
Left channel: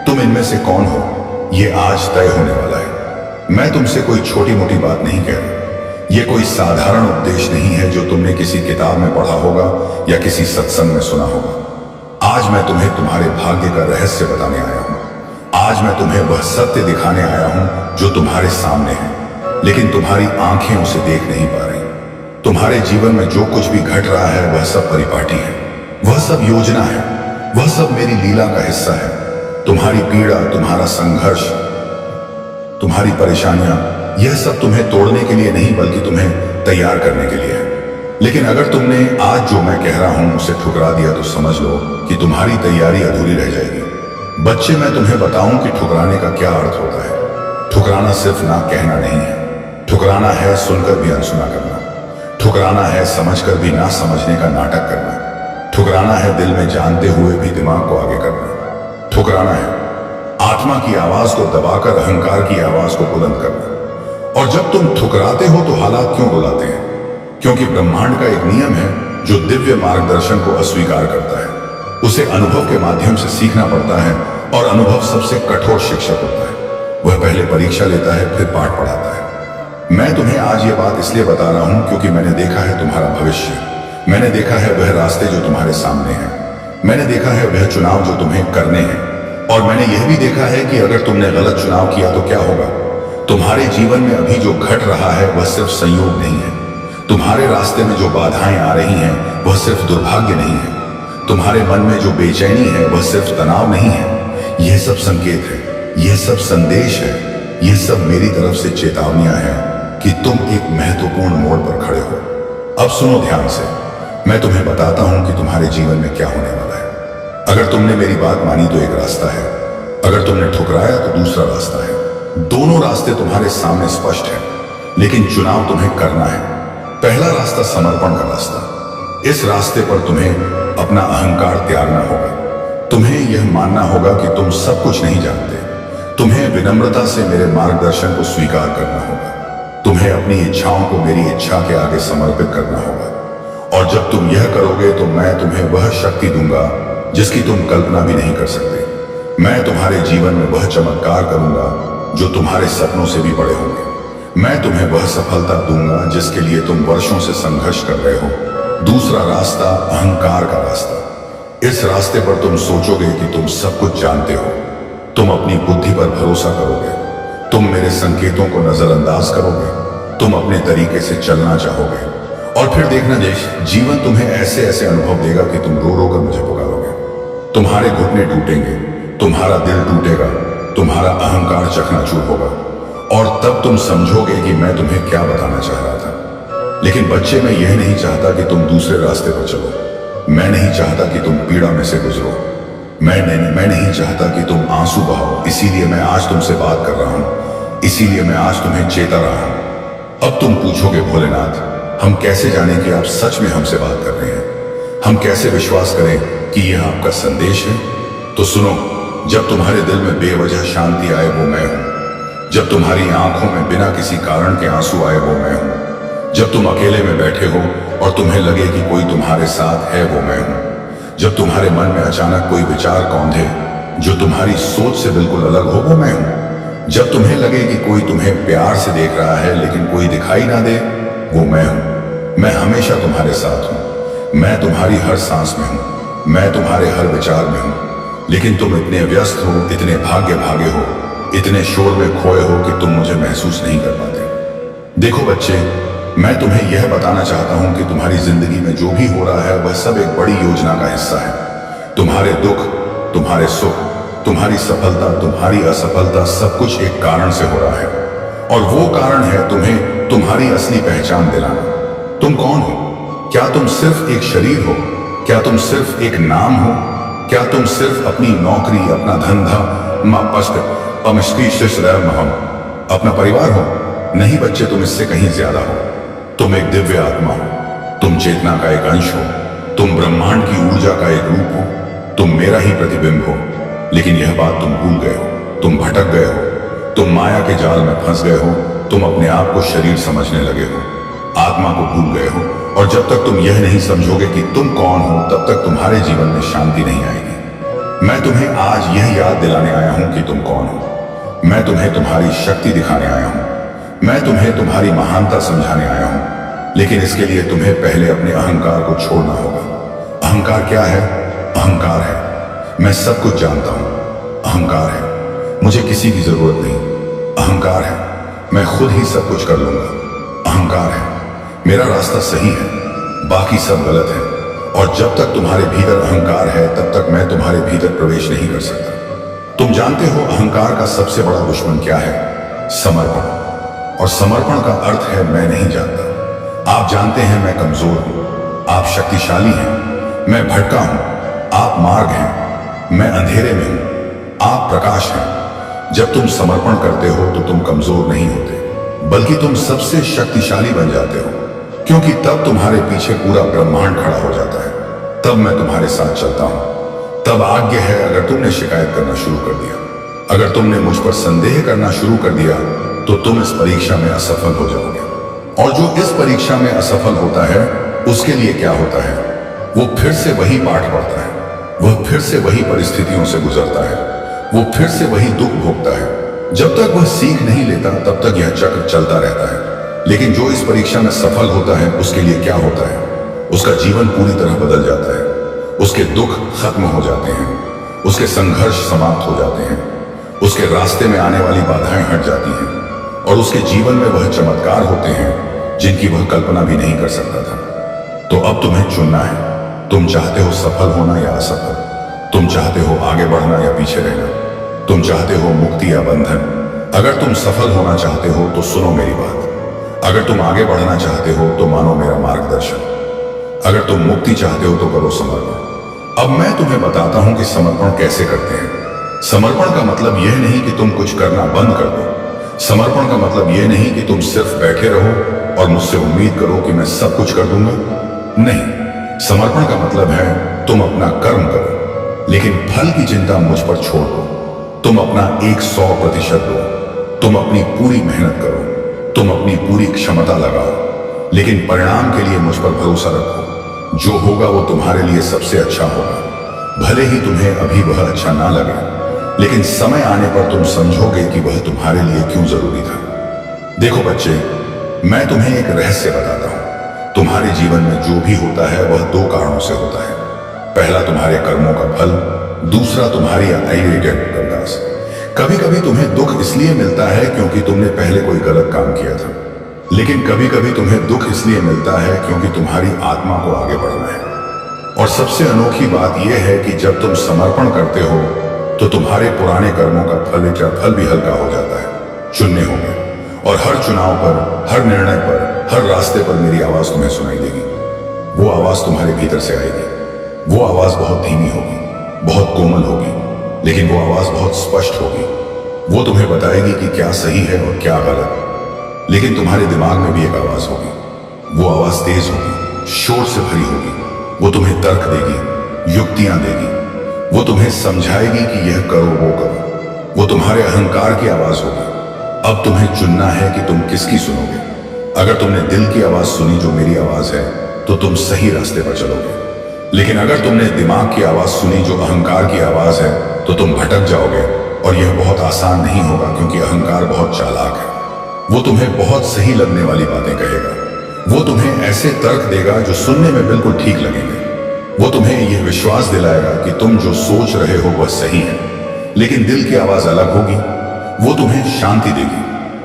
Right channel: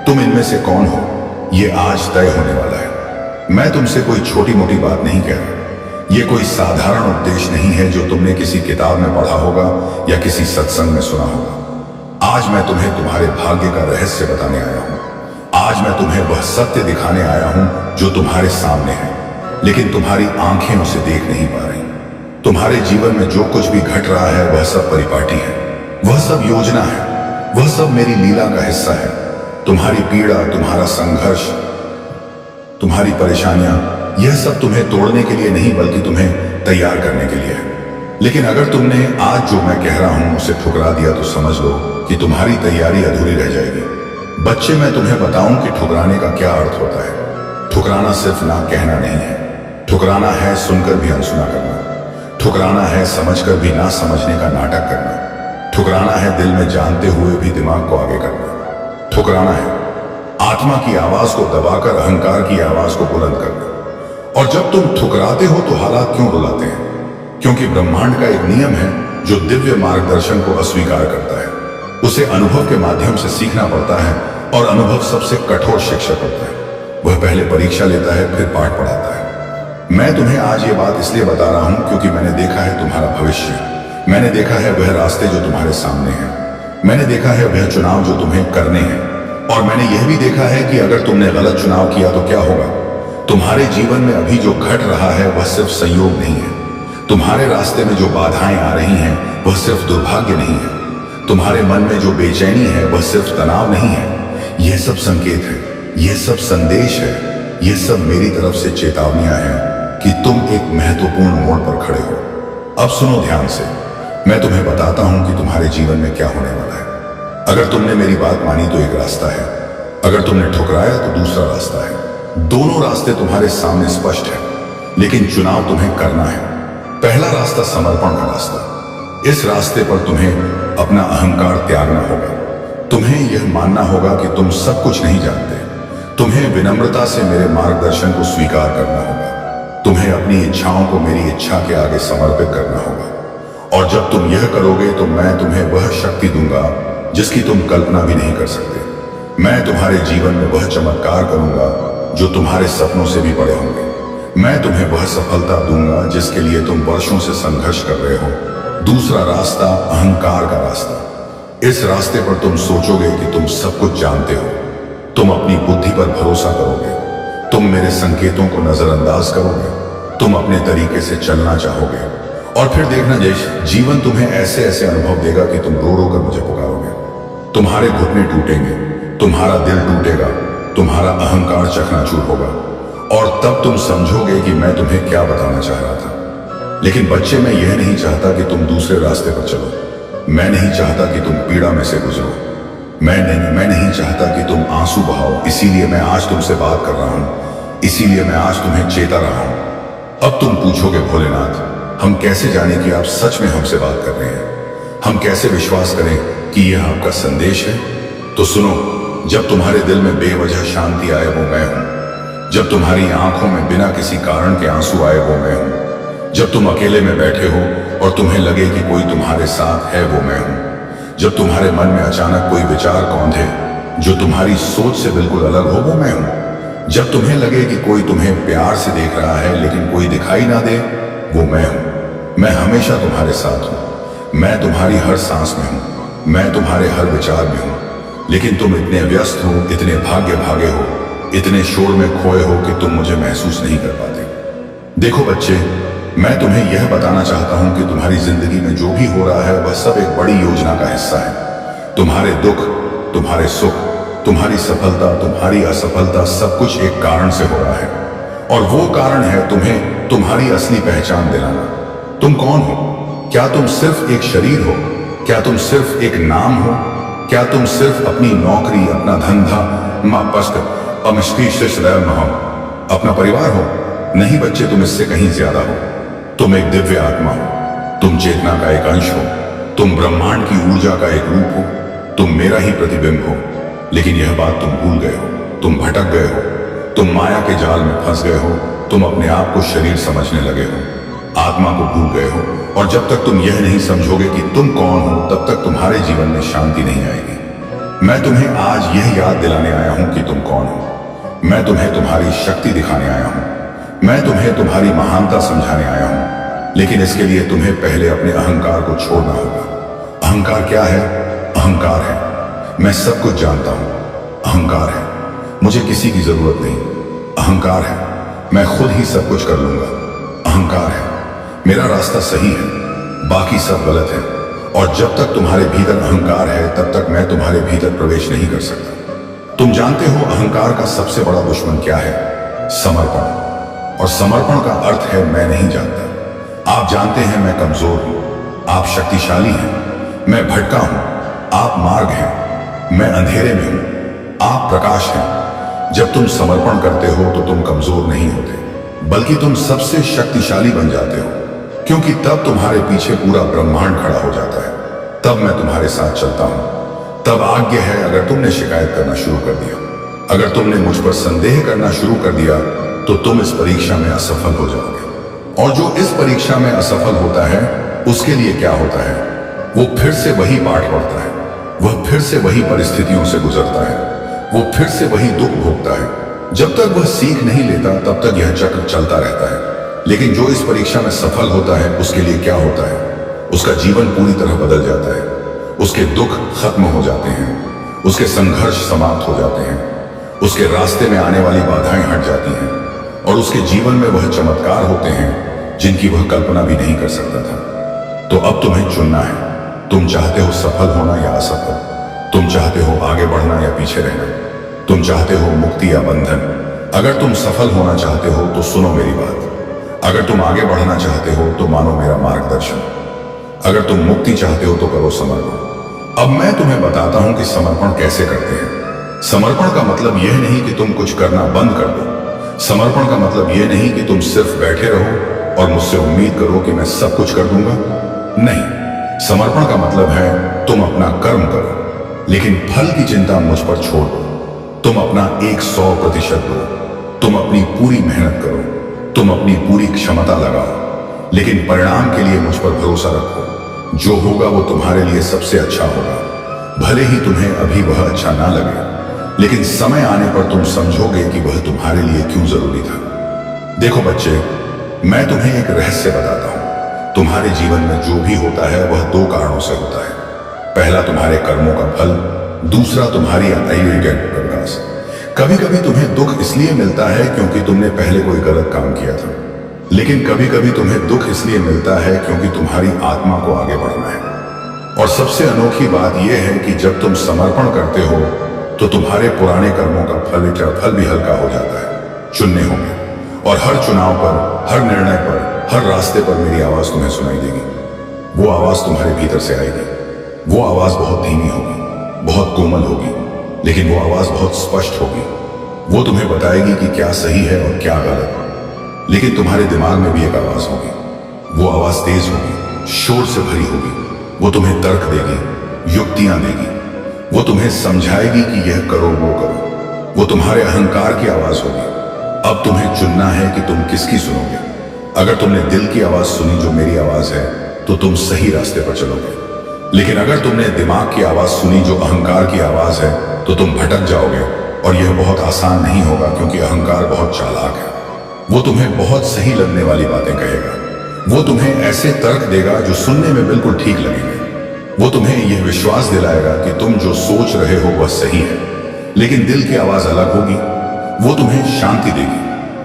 तुम इनमें से कौन हो ये आज तय होने वाला है। मैं तुमसे कोई छोटी मोटी बात नहीं कह रहा। ये कोई साधारण उपदेश नहीं है जो तुमने किसी किताब में पढ़ा होगा या किसी सत्संग में सुना होगा। आज मैं तुम्हें तुम्हारे भाग्य का रहस्य बताने आया हूं। आज मैं तुम्हें वह सत्य दिखाने आया हूं जो तुम्हारे सामने है, लेकिन तुम्हारी आंखें उसे देख नहीं पा रही। तुम्हारे जीवन में जो कुछ भी घट रहा है वह सब परिपाटी है, वह सब योजना है, वह सब मेरी लीला का हिस्सा है। तुम्हारी पीड़ा, तुम्हारा संघर्ष, तुम्हारी परेशानियां, यह सब तुम्हें तोड़ने के लिए नहीं बल्कि तुम्हें तैयार करने के लिए है। लेकिन अगर तुमने आज जो मैं कह रहा हूं उसे ठुकरा दिया तो समझ लो कि तुम्हारी तैयारी अधूरी रह जाएगी। बच्चे, मैं तुम्हें बताऊं कि ठुकराने का क्या अर्थ होता है। ठुकराना सिर्फ ना कहना नहीं है, ठुकराना है सुनकर भी अनसुना करना, ठुकराना है समझकर भी ना समझने का नाटक करना, ठुकराना है दिल में जानते हुए भी दिमाग को आगे करना, ठुकराना है आत्मा की आवाज को दबाकर अहंकार की आवाज को बुलंद करना। और जब तुम ठुकराते हो तो हालात क्यों रुलाते हैं? क्योंकि ब्रह्मांड का एक नियम है जो दिव्य मार्गदर्शन को अस्वीकार करता है। उसे अनुभव के माध्यम से सीखना पड़ता है और अनुभव सबसे कठोर शिक्षक होता है। वह पहले परीक्षा लेता है, फिर पाठ पढ़ाता है। मैं तुम्हें आज ये बात इसलिए बता रहा हूं क्योंकि मैंने देखा है तुम्हारा भविष्य। मैंने देखा है वह रास्ते जो तुम्हारे सामने हैं। मैंने देखा है वह चुनाव जो तुम्हें करने हैं। और मैंने यह भी देखा है कि अगर तुमने गलत चुनाव किया तो क्या होगा। तुम्हारे जीवन में अभी जो घट रहा है वह सिर्फ संयोग नहीं है। तुम्हारे रास्ते में जो बाधाएं आ रही हैं वह सिर्फ दुर्भाग्य नहीं है। तुम्हारे मन में जो बेचैनी है वह सिर्फ तनाव नहीं है। यह सब संकेत है, यह सब संदेश है, यह सब मेरी तरफ से चेतावनियां हैं कि तुम एक महत्वपूर्ण मोड़ पर खड़े हो। अब सुनो ध्यान से, मैं तुम्हें बताता हूं कि तुम्हारे जीवन में क्या होने वाला है। अगर तुमने मेरी बात मानी तो एक रास्ता है, अगर तुमने ठुकराया तो दूसरा रास्ता है। दोनों रास्ते तुम्हारे सामने स्पष्ट है, लेकिन चुनाव तुम्हें करना है। पहला रास्ता समर्पण का रास्ता। इस रास्ते पर तुम्हें अपना अहंकार त्यागना होगा। तुम्हें यह मानना होगा कि तुम सब कुछ नहीं जानते। तुम्हें विनम्रता से मेरे मार्गदर्शन को स्वीकार करना होगा। तुम्हें अपनी इच्छाओं को मेरी इच्छा के आगे समर्पित करना होगा। और जब तुम यह करोगे तो मैं तुम्हें वह शक्ति दूंगा जिसकी तुम कल्पना भी नहीं कर सकते। मैं तुम्हारे जीवन में वह चमत्कार करूंगा जो तुम्हारे सपनों से भी बड़े होंगे। मैं तुम्हें वह सफलता दूंगा जिसके लिए तुम वर्षों से संघर्ष कर रहे हो। दूसरा रास्ता अहंकार का रास्ता। इस रास्ते पर तुम सोचोगे कि तुम सब कुछ जानते हो। तुम अपनी बुद्धि पर भरोसा करोगे। तुम मेरे संकेतों को नजरअंदाज करोगे। तुम अपने तरीके से चलना चाहोगे। और फिर देखना जयेश, जीवन तुम्हें ऐसे ऐसे अनुभव देगा कि तुम रो रो कर मुझे पुकारोगे। तुम्हारे घुटने टूटेंगे, तुम्हारा दिल टूटेगा, तुम्हारा अहंकार चकनाचूर होगा। और तब तुम समझोगे कि मैं तुम्हें क्या बताना चाह रहा था। लेकिन बच्चे, मैं यह नहीं चाहता कि तुम दूसरे रास्ते पर चलो। मैं नहीं चाहता कि तुम पीड़ा में से गुजरो। मैं नहीं चाहता कि तुम आंसू बहाओ। इसीलिए मैं आज तुमसे बात कर रहा हूं। इसीलिए मैं आज तुम्हें चेता रहा हूं। अब तुम पूछोगे, भोलेनाथ, हम कैसे जाने कि आप सच में हमसे बात कर रहे हैं? हम कैसे विश्वास करें कि यह आपका संदेश है? तो सुनो, जब तुम्हारे दिल में बेवजह शांति आए वो मैं हूं। जब तुम्हारी आंखों में बिना किसी कारण के आंसू आए वो मैं हूं। जब तुम अकेले में बैठे हो और तुम्हें लगे कि कोई तुम्हारे साथ है वो मैं हूं। जब तुम्हारे मन में अचानक कोई विचार कौंधे जो तुम्हारी सोच से बिल्कुल अलग हो वो मैं हूं। जब तुम्हें लगे कि कोई तुम्हें प्यार से देख रहा है लेकिन कोई दिखाई ना दे, वो मैं हूं। मैं हमेशा तुम्हारे साथ हूं। मैं तुम्हारी हर सांस में हूं। मैं तुम्हारे हर विचार में हूं। लेकिन तुम इतने व्यस्त हो, इतने भाग्य भागे हो, इतने शोर में खोए हो कि तुम मुझे महसूस नहीं कर पाते। देखो बच्चे, मैं तुम्हें यह बताना चाहता हूं कि तुम्हारी जिंदगी में जो भी हो रहा है वह सब एक बड़ी योजना का हिस्सा है। तुम्हारे दुख, तुम्हारे सुख, तुम्हारी सफलता, तुम्हारी असफलता, सब कुछ एक कारण से हो रहा है। और वो कारण है तुम्हें तुम्हारी असली पहचान दिलाना। तुम कौन हो? क्या तुम सिर्फ एक शरीर हो? क्या तुम सिर्फ एक नाम हो? क्या तुम सिर्फ अपनी नौकरी, अपना धंधा, अपना परिवार हो? नहीं बच्चे, तुम इससे कहीं ज्यादा हो। तुम एक दिव्य आत्मा हो। तुम चेतना का एक अंश हो। तुम ब्रह्मांड की ऊर्जा का एक रूप हो। तुम मेरा ही प्रतिबिंब हो। लेकिन यह बात तुम भूल गए हो। तुम भटक गए हो। तुम माया के जाल में फंस गए हो। तुम अपने आप को शरीर समझने लगे हो, आत्मा को भूल गए हो। और जब तक तुम यह नहीं समझोगे कि तुम कौन हो, तब तक तुम्हारे जीवन में शांति नहीं आएगी। मैं तुम्हें आज यह याद दिलाने आया हूं कि तुम कौन हो। मैं तुम्हें तुम्हारी शक्ति दिखाने आया हूं। मैं तुम्हें तुम्हारी महानता समझाने आया हूं। लेकिन इसके लिए तुम्हें पहले अपने अहंकार को छोड़ना होगा। अहंकार क्या है? अहंकार है मैं सब कुछ जानता हूं। अहंकार है मुझे किसी की जरूरत नहीं। अहंकार है मैं खुद ही सब कुछ कर लूंगा। अहंकार है मेरा रास्ता सही है, बाकी सब गलत है। और जब तक तुम्हारे भीतर अहंकार है तब तक मैं तुम्हारे भीतर प्रवेश नहीं कर सकता। तुम जानते हो अहंकार का सबसे बड़ा दुश्मन क्या है? समर्पण। और समर्पण का अर्थ है मैं नहीं जानता। आप जानते हैं मैं कमजोर हूं, आप शक्तिशाली हैं। मैं भटका हूं, आप मार्ग हैं। मैं अंधेरे में हूं, आप प्रकाश हैं। जब तुम समर्पण करते हो तो तुम कमजोर नहीं होते, बल्कि तुम सबसे शक्तिशाली बन जाते हो, क्योंकि तब तुम्हारे पीछे पूरा ब्रह्मांड खड़ा हो जाता है। तब मैं तुम्हारे साथ चलता हूं। तब आज्ञा है अगर तुमने शिकायत करना शुरू कर दिया, अगर तुमने मुझ पर संदेह करना शुरू कर दिया, तो तुम इस परीक्षा में असफल हो जाओगे। और जो इस परीक्षा में असफल होता है उसके लिए क्या होता है? वो फिर से वही पाठ पढ़ता है, वह फिर से वही परिस्थितियों से गुजरता है, वो फिर से वही दुख भोगता है। जब तक वह सीख नहीं लेता तब तक यह चक्र चलता रहता है। लेकिन जो इस परीक्षा में सफल होता है उसके लिए क्या होता है? उसका जीवन पूरी तरह बदल जाता है। उसके दुख खत्म हो जाते हैं, उसके संघर्ष समाप्त हो जाते हैं, उसके रास्ते में आने वाली बाधाएं हट जाती हैं, और उसके जीवन में वह चमत्कार होते हैं जिनकी वह कल्पना भी नहीं कर सकता था। तो अब तुम्हें चुनना है। तुम चाहते हो सफल होना या असफल? तुम चाहते हो आगे बढ़ना या पीछे रहना? तुम चाहते हो मुक्ति या बंधन? अगर तुम सफल होना चाहते हो तो सुनो मेरी बात। अगर तुम आगे बढ़ना चाहते हो तो मानो मेरा मार्गदर्शन। अगर तुम मुक्ति चाहते हो तो करो समर्पण। अब मैं तुम्हें बताता हूं कि समर्पण कैसे करते हैं। समर्पण का मतलब यह नहीं कि तुम कुछ करना बंद कर दो। समर्पण का मतलब यह नहीं कि तुम सिर्फ बैठे रहो और मुझसे उम्मीद करो कि मैं सब कुछ कर दूंगा। नहीं, समर्पण का मतलब है तुम अपना कर्म करो, लेकिन फल की चिंता मुझ पर छोड़ दो। तुम अपना 100% दो। तुम अपनी पूरी मेहनत करो, तुम अपनी पूरी क्षमता लगाओ, लेकिन परिणाम के लिए मुझ पर भरोसा रखो। जो होगा वो तुम्हारे लिए सबसे अच्छा होगा। भले ही तुम्हें अभी वह अच्छा ना लगे, लेकिन समय आने पर तुम समझोगे कि वह तुम्हारे लिए क्यों जरूरी था। देखो बच्चे, मैं तुम्हें एक रहस्य बताता हूं। तुम्हारे जीवन में जो भी होता है वह 2 कारणों से होता है। पहला तुम्हारे कर्मों का फल, दूसरा तुम्हारी प्रकाश। कभी कभी तुम्हें दुख इसलिए मिलता है क्योंकि तुमने पहले कोई गलत काम किया था, लेकिन कभी कभी तुम्हें दुख इसलिए मिलता है क्योंकि तुम्हारी आत्मा को आगे बढ़ना है। और सबसे अनोखी बात यह है कि जब तुम समर्पण करते हो तो तुम्हारे पुराने कर्मों का फल भी हल्का हो जाता है। चुनने होंगे, और हर चुनाव पर, हर निर्णय पर, हर रास्ते पर मेरी आवाज तुम्हें सुनाई देगी। वो आवाज तुम्हारे भीतर से आएगी। वो आवाज बहुत धीमी होगी, बहुत कोमल होगी, लेकिन वो आवाज बहुत स्पष्ट होगी। वो तुम्हें बताएगी कि क्या सही है और क्या गलत। लेकिन तुम्हारे दिमाग में भी एक आवाज होगी। वो आवाज तेज होगी, शोर से भरी होगी। वो तुम्हें तर्क देगी, युक्तियां देगी। वो तुम्हें समझाएगी कि यह करो, वो करो। वो तुम्हारे अहंकार की आवाज होगी। अब तुम्हें चुनना है कि तुम किसकी सुनोगे। अगर तुमने दिल की आवाज सुनी जो मेरी आवाज है, तो तुम सही रास्ते पर चलोगे। लेकिन अगर तुमने दिमाग की आवाज सुनी जो अहंकार की आवाज है, तो तुम भटक जाओगे। और यह बहुत आसान नहीं होगा, क्योंकि अहंकार बहुत चालाक है। वो तुम्हें बहुत सही लगने वाली बातें कहेगा। वो तुम्हें ऐसे तर्क देगा जो सुनने में बिल्कुल ठीक लगेंगे। वो तुम्हें यह विश्वास दिलाएगा कि तुम जो सोच रहे हो वह सही है, लेकिन दिल की आवाज अलग होगी। वो तुम्हें शांति देगी,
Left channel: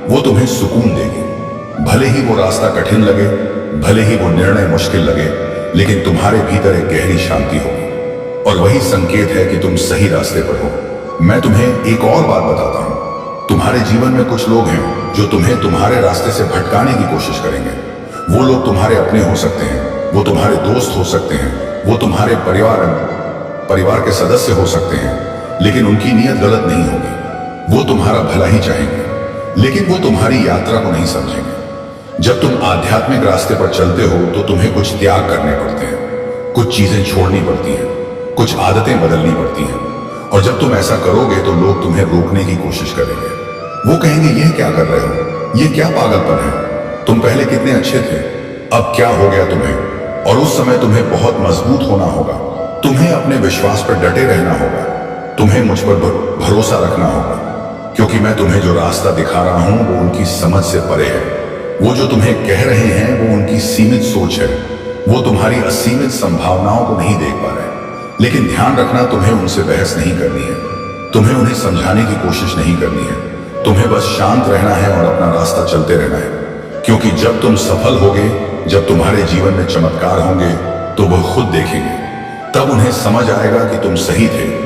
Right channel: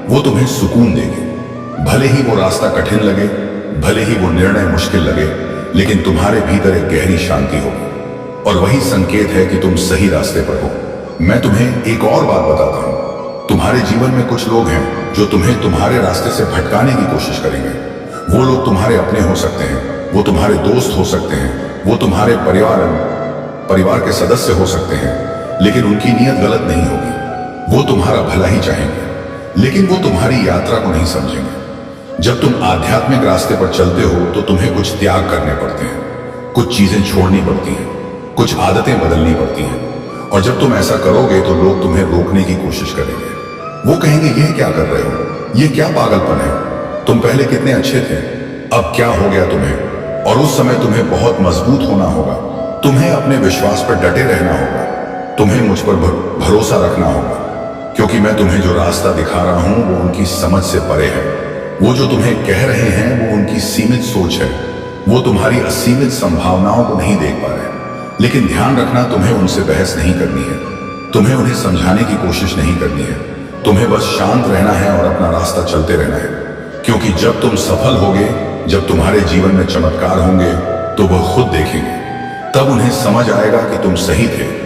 वो तुम्हें सुकून देगी। भले ही वो रास्ता कठिन लगे, भले ही वो निर्णय मुश्किल लगे, लेकिन तुम्हारे भीतर एक गहरी शांति होगी। और वही संकेत है कि तुम सही रास्ते पर हो। मैं तुम्हें एक और बात बताता हूं। तुम्हारे जीवन में कुछ लोग हैं जो तुम्हें तुम्हारे रास्ते से भटकाने की कोशिश करेंगे। वो लोग तुम्हारे अपने हो सकते हैं, वो तुम्हारे दोस्त हो सकते हैं, वो तुम्हारे परिवार के सदस्य हो सकते हैं, लेकिन उनकी नीयत गलत नहीं होगी। वो तुम्हारा भला ही चाहेंगे, लेकिन वो तुम्हारी यात्रा को नहीं समझेंगे। जब तुम आध्यात्मिक रास्ते पर चलते हो तो तुम्हें कुछ त्याग करने पड़ते हैं, कुछ चीजें छोड़नी पड़ती हैं, कुछ आदतें बदलनी पड़ती हैं। और जब तुम ऐसा करोगे तो लोग तुम्हें रोकने की कोशिश करेंगे। वो कहेंगे, यह क्या कर रहे हो, ये क्या पागलपन है, तुम पहले कितने अच्छे थे, अब क्या हो गया तुम्हें। और उस समय तुम्हें बहुत मजबूत होना होगा। तुम्हें अपने विश्वास पर डटे रहना होगा। तुम्हें मुझ पर भरोसा रखना होगा, क्योंकि मैं तुम्हें जो रास्ता दिखा रहा हूं वो उनकी समझ से परे है। वो जो तुम्हें कह रहे हैं वो उनकी सीमित सोच है। वो तुम्हारी असीमित संभावनाओं को नहीं देख पा रहे। लेकिन ध्यान रखना, तुम्हें उनसे बहस नहीं करनी है, तुम्हें उन्हें समझाने की कोशिश नहीं करनी है। तुम्हें बस शांत रहना है और अपना रास्ता चलते रहना है। क्योंकि जब तुम सफल होगे, जब तुम्हारे जीवन में चमत्कार होंगे, तो वह खुद देखेंगे। तब उन्हें समझ आएगा कि तुम सही थे।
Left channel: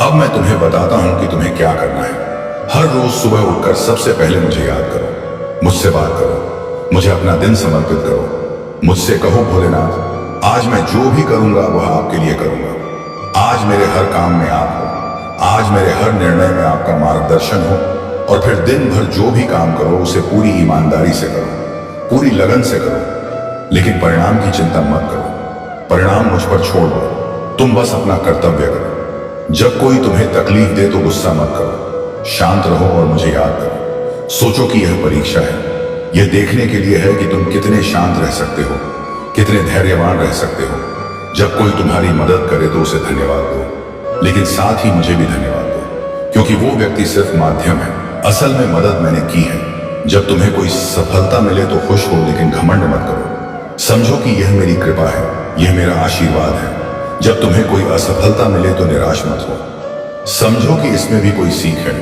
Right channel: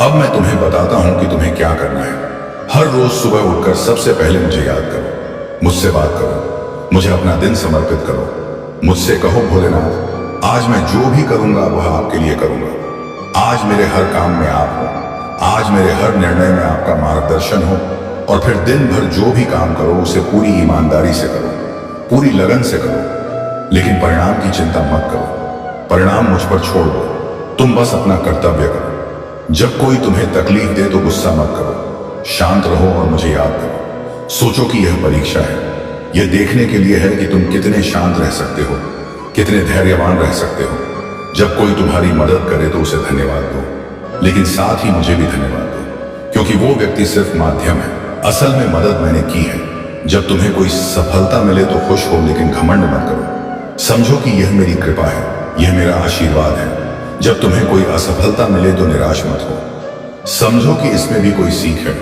अब मैं तुम्हें बताता हूं कि तुम्हें क्या करना है। हर रोज सुबह उठकर सबसे पहले मुझे याद करो, मुझसे बात करो, मुझे अपना दिन समर्पित करो। मुझसे कहो, भोलेनाथ, आज मैं जो भी करूंगा वह आपके लिए करूंगा। आज मेरे हर काम में आप हो, आज मेरे हर निर्णय में आपका मार्गदर्शन हो। और फिर दिन भर जो भी काम करो उसे पूरी ईमानदारी से करो, पूरी लगन से करो। लेकिन परिणाम की चिंता मत करो, परिणाम मुझ पर छोड़ दो। तुम बस अपना कर्तव्य करो। जब कोई तुम्हें तकलीफ दे तो गुस्सा मत करो, शांत रहो और मुझे याद करो। सोचो कि यह परीक्षा है, यह देखने के लिए है कि तुम कितने शांत रह सकते हो, कितने धैर्यवान रह सकते हो। जब कोई तुम्हारी मदद करे तो उसे धन्यवाद दो, लेकिन साथ ही मुझे भी धन्यवाद दो, क्योंकि वो व्यक्ति सिर्फ माध्यम है, असल में मदद मैंने की है। जब तुम्हें कोई सफलता मिले तो खुश हो, लेकिन घमंड मत करो। समझो कि यह मेरी कृपा है, यह मेरा आशीर्वाद है। जब तुम्हें कोई असफलता मिले तो निराश मत हो। समझो कि इसमें भी कोई सीख है,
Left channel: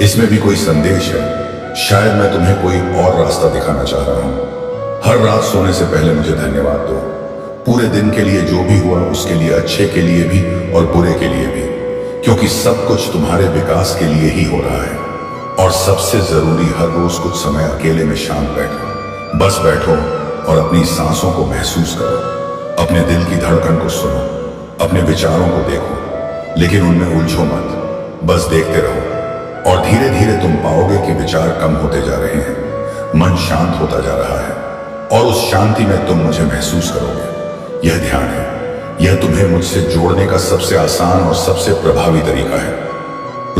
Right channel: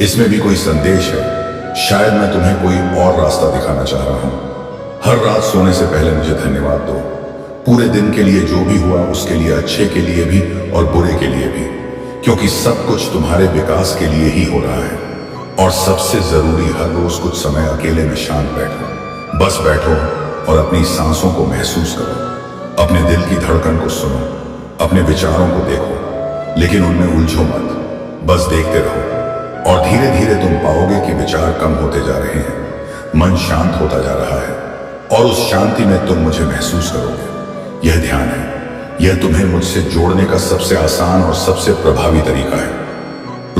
इसमें भी कोई संदेश है। शायद मैं तुम्हें कोई और रास्ता दिखाना चाह रहा हूं। हर रात सोने से पहले मुझे धन्यवाद दो, पूरे दिन के लिए, जो भी हुआ उसके लिए, अच्छे के लिए भी और बुरे के लिए भी, क्योंकि सब कुछ तुम्हारे विकास के लिए ही हो रहा है। और सबसे जरूरी, हर रोज कुछ समय अकेले में शांत बैठो। बस बैठो और अपनी सांसों को महसूस करो, अपने दिल की धड़कन को सुनो, अपने विचारों को देखो, लेकिन उनमें उलझो मत, बस देखते रहो। और धीरे धीरे तुम पाओगे कि विचार कम होते जा रहे हैं, मन शांत होता जा रहा है, और उस शांति में तुम मुझे महसूस करोगे। यह ध्यान है, यह तुम्हें मुझसे जोड़ने का सबसे आसान और सबसे प्रभावी तरीका है।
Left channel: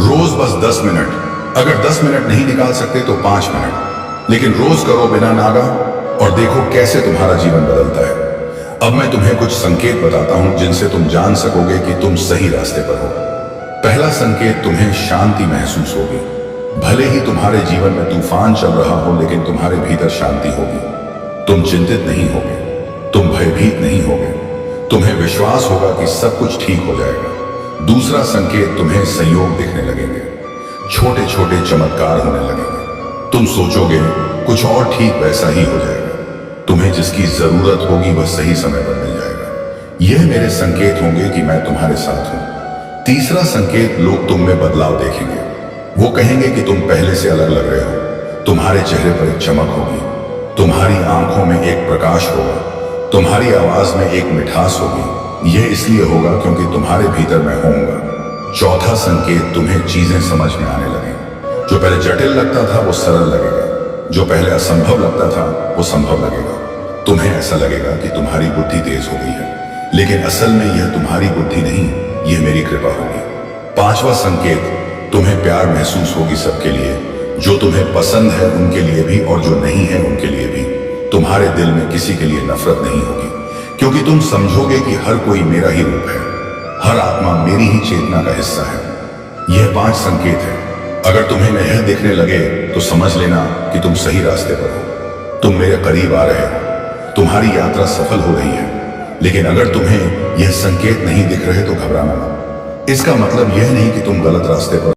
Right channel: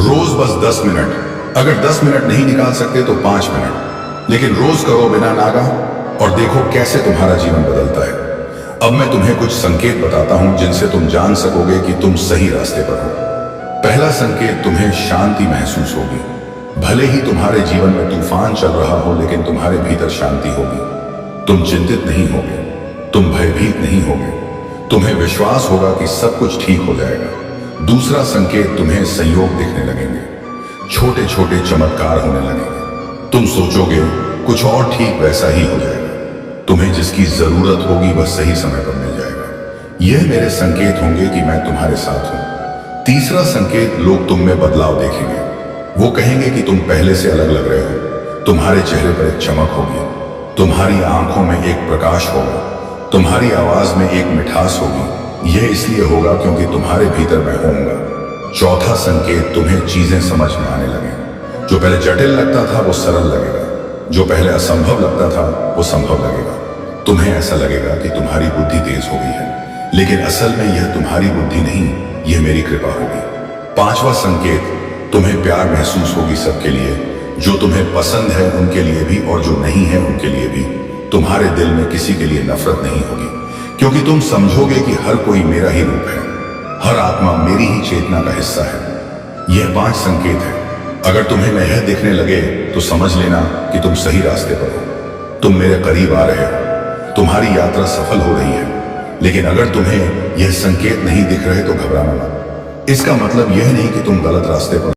रोज बस 10 मिनट, अगर 10 मिनट नहीं निकाल सकते तो 5 मिनट, लेकिन रोज करो बिना नागा, और देखो कैसे तुम्हारा जीवन बदलता है। अब मैं तुम्हें कुछ संकेत बताता हूं जिनसे तुम जान सकोगे कि तुम सही रास्ते पर हो। पहला संकेत, तुम्हें शांति महसूस होगी। भले ही तुम्हारे जीवन में तूफान चल रहा हो, लेकिन तुम्हारे भीतर शांति होगी। तुम चिंतित नहीं होगे, तुम भयभीत नहीं होगे, तुम्हें विश्वास होगा कि सब कुछ ठीक हो जाएगा। दूसरा संकेत, तुम्हें संयोग दिखने लगेंगे, छोटे छोटे चमत्कार होने लगेंगे। तुम सोचोगे कुछ और ठीक वैसा ही हो जाएगा। तुम्हें जिसकी जरूरत होगी वह सही समय पर मिल जाएगा। यह मेरे संकेत होंगे कि मैं तुम्हारे साथ हूं। तीसरा संकेत, लोग तुम में बदलाव देखेंगे। वो कहेंगे कि तुम पहले से अलग लग रहे हो। तुम्हारे चेहरे पर एक चमक होगी, तुम्हारी आंखों में एक प्रकाश होगा, तुम्हारी आवाज में एक मिठास होगी। यह इसलिए होगा क्योंकि तुम्हारे भीतर मैं होऊंगा। चौथा संकेत, तुम्हें चीजें समझ में आने लगेंगी। जो पहले जटिल लगता था वो सरल लगेगा, जो पहले असंभव लगता था वो संभव लगेगा। तुम्हें ऐसा लगेगा कि तुम्हारी बुद्धि तेज हो गई है, लेकिन असल में यह तुम्हारी बुद्धि नहीं, यह मेरी कृपा होगी। पांचवा संकेत, तुम्हें प्यार महसूस होगी सबके लिए, जो तुम्हें पसंद है उनके लिए भी और जो नहीं है उनके लिए भी। तुम्हारे दिल में किसी के लिए नफरत नहीं होगी, क्योंकि तुम समझोगे कि हर कोई मेरा ही रूप है, हर आत्मा मेरी ही चेतना का हिस्सा है। यह 5 संकेत है। अगर तुम्हें मैं यह दिखने लगे तो समझ लेना कि तुम सही रास्ते पर हो, तुम मेरे करीब आ रहे हो, तुम्हारी यात्रा सफल हो रही है। लेकिन अगर तुम्हें यह संकेत नहीं दिख रहे तो घबराना मत। इसका मतलब यह नहीं कि तुम गलत रास्ते पर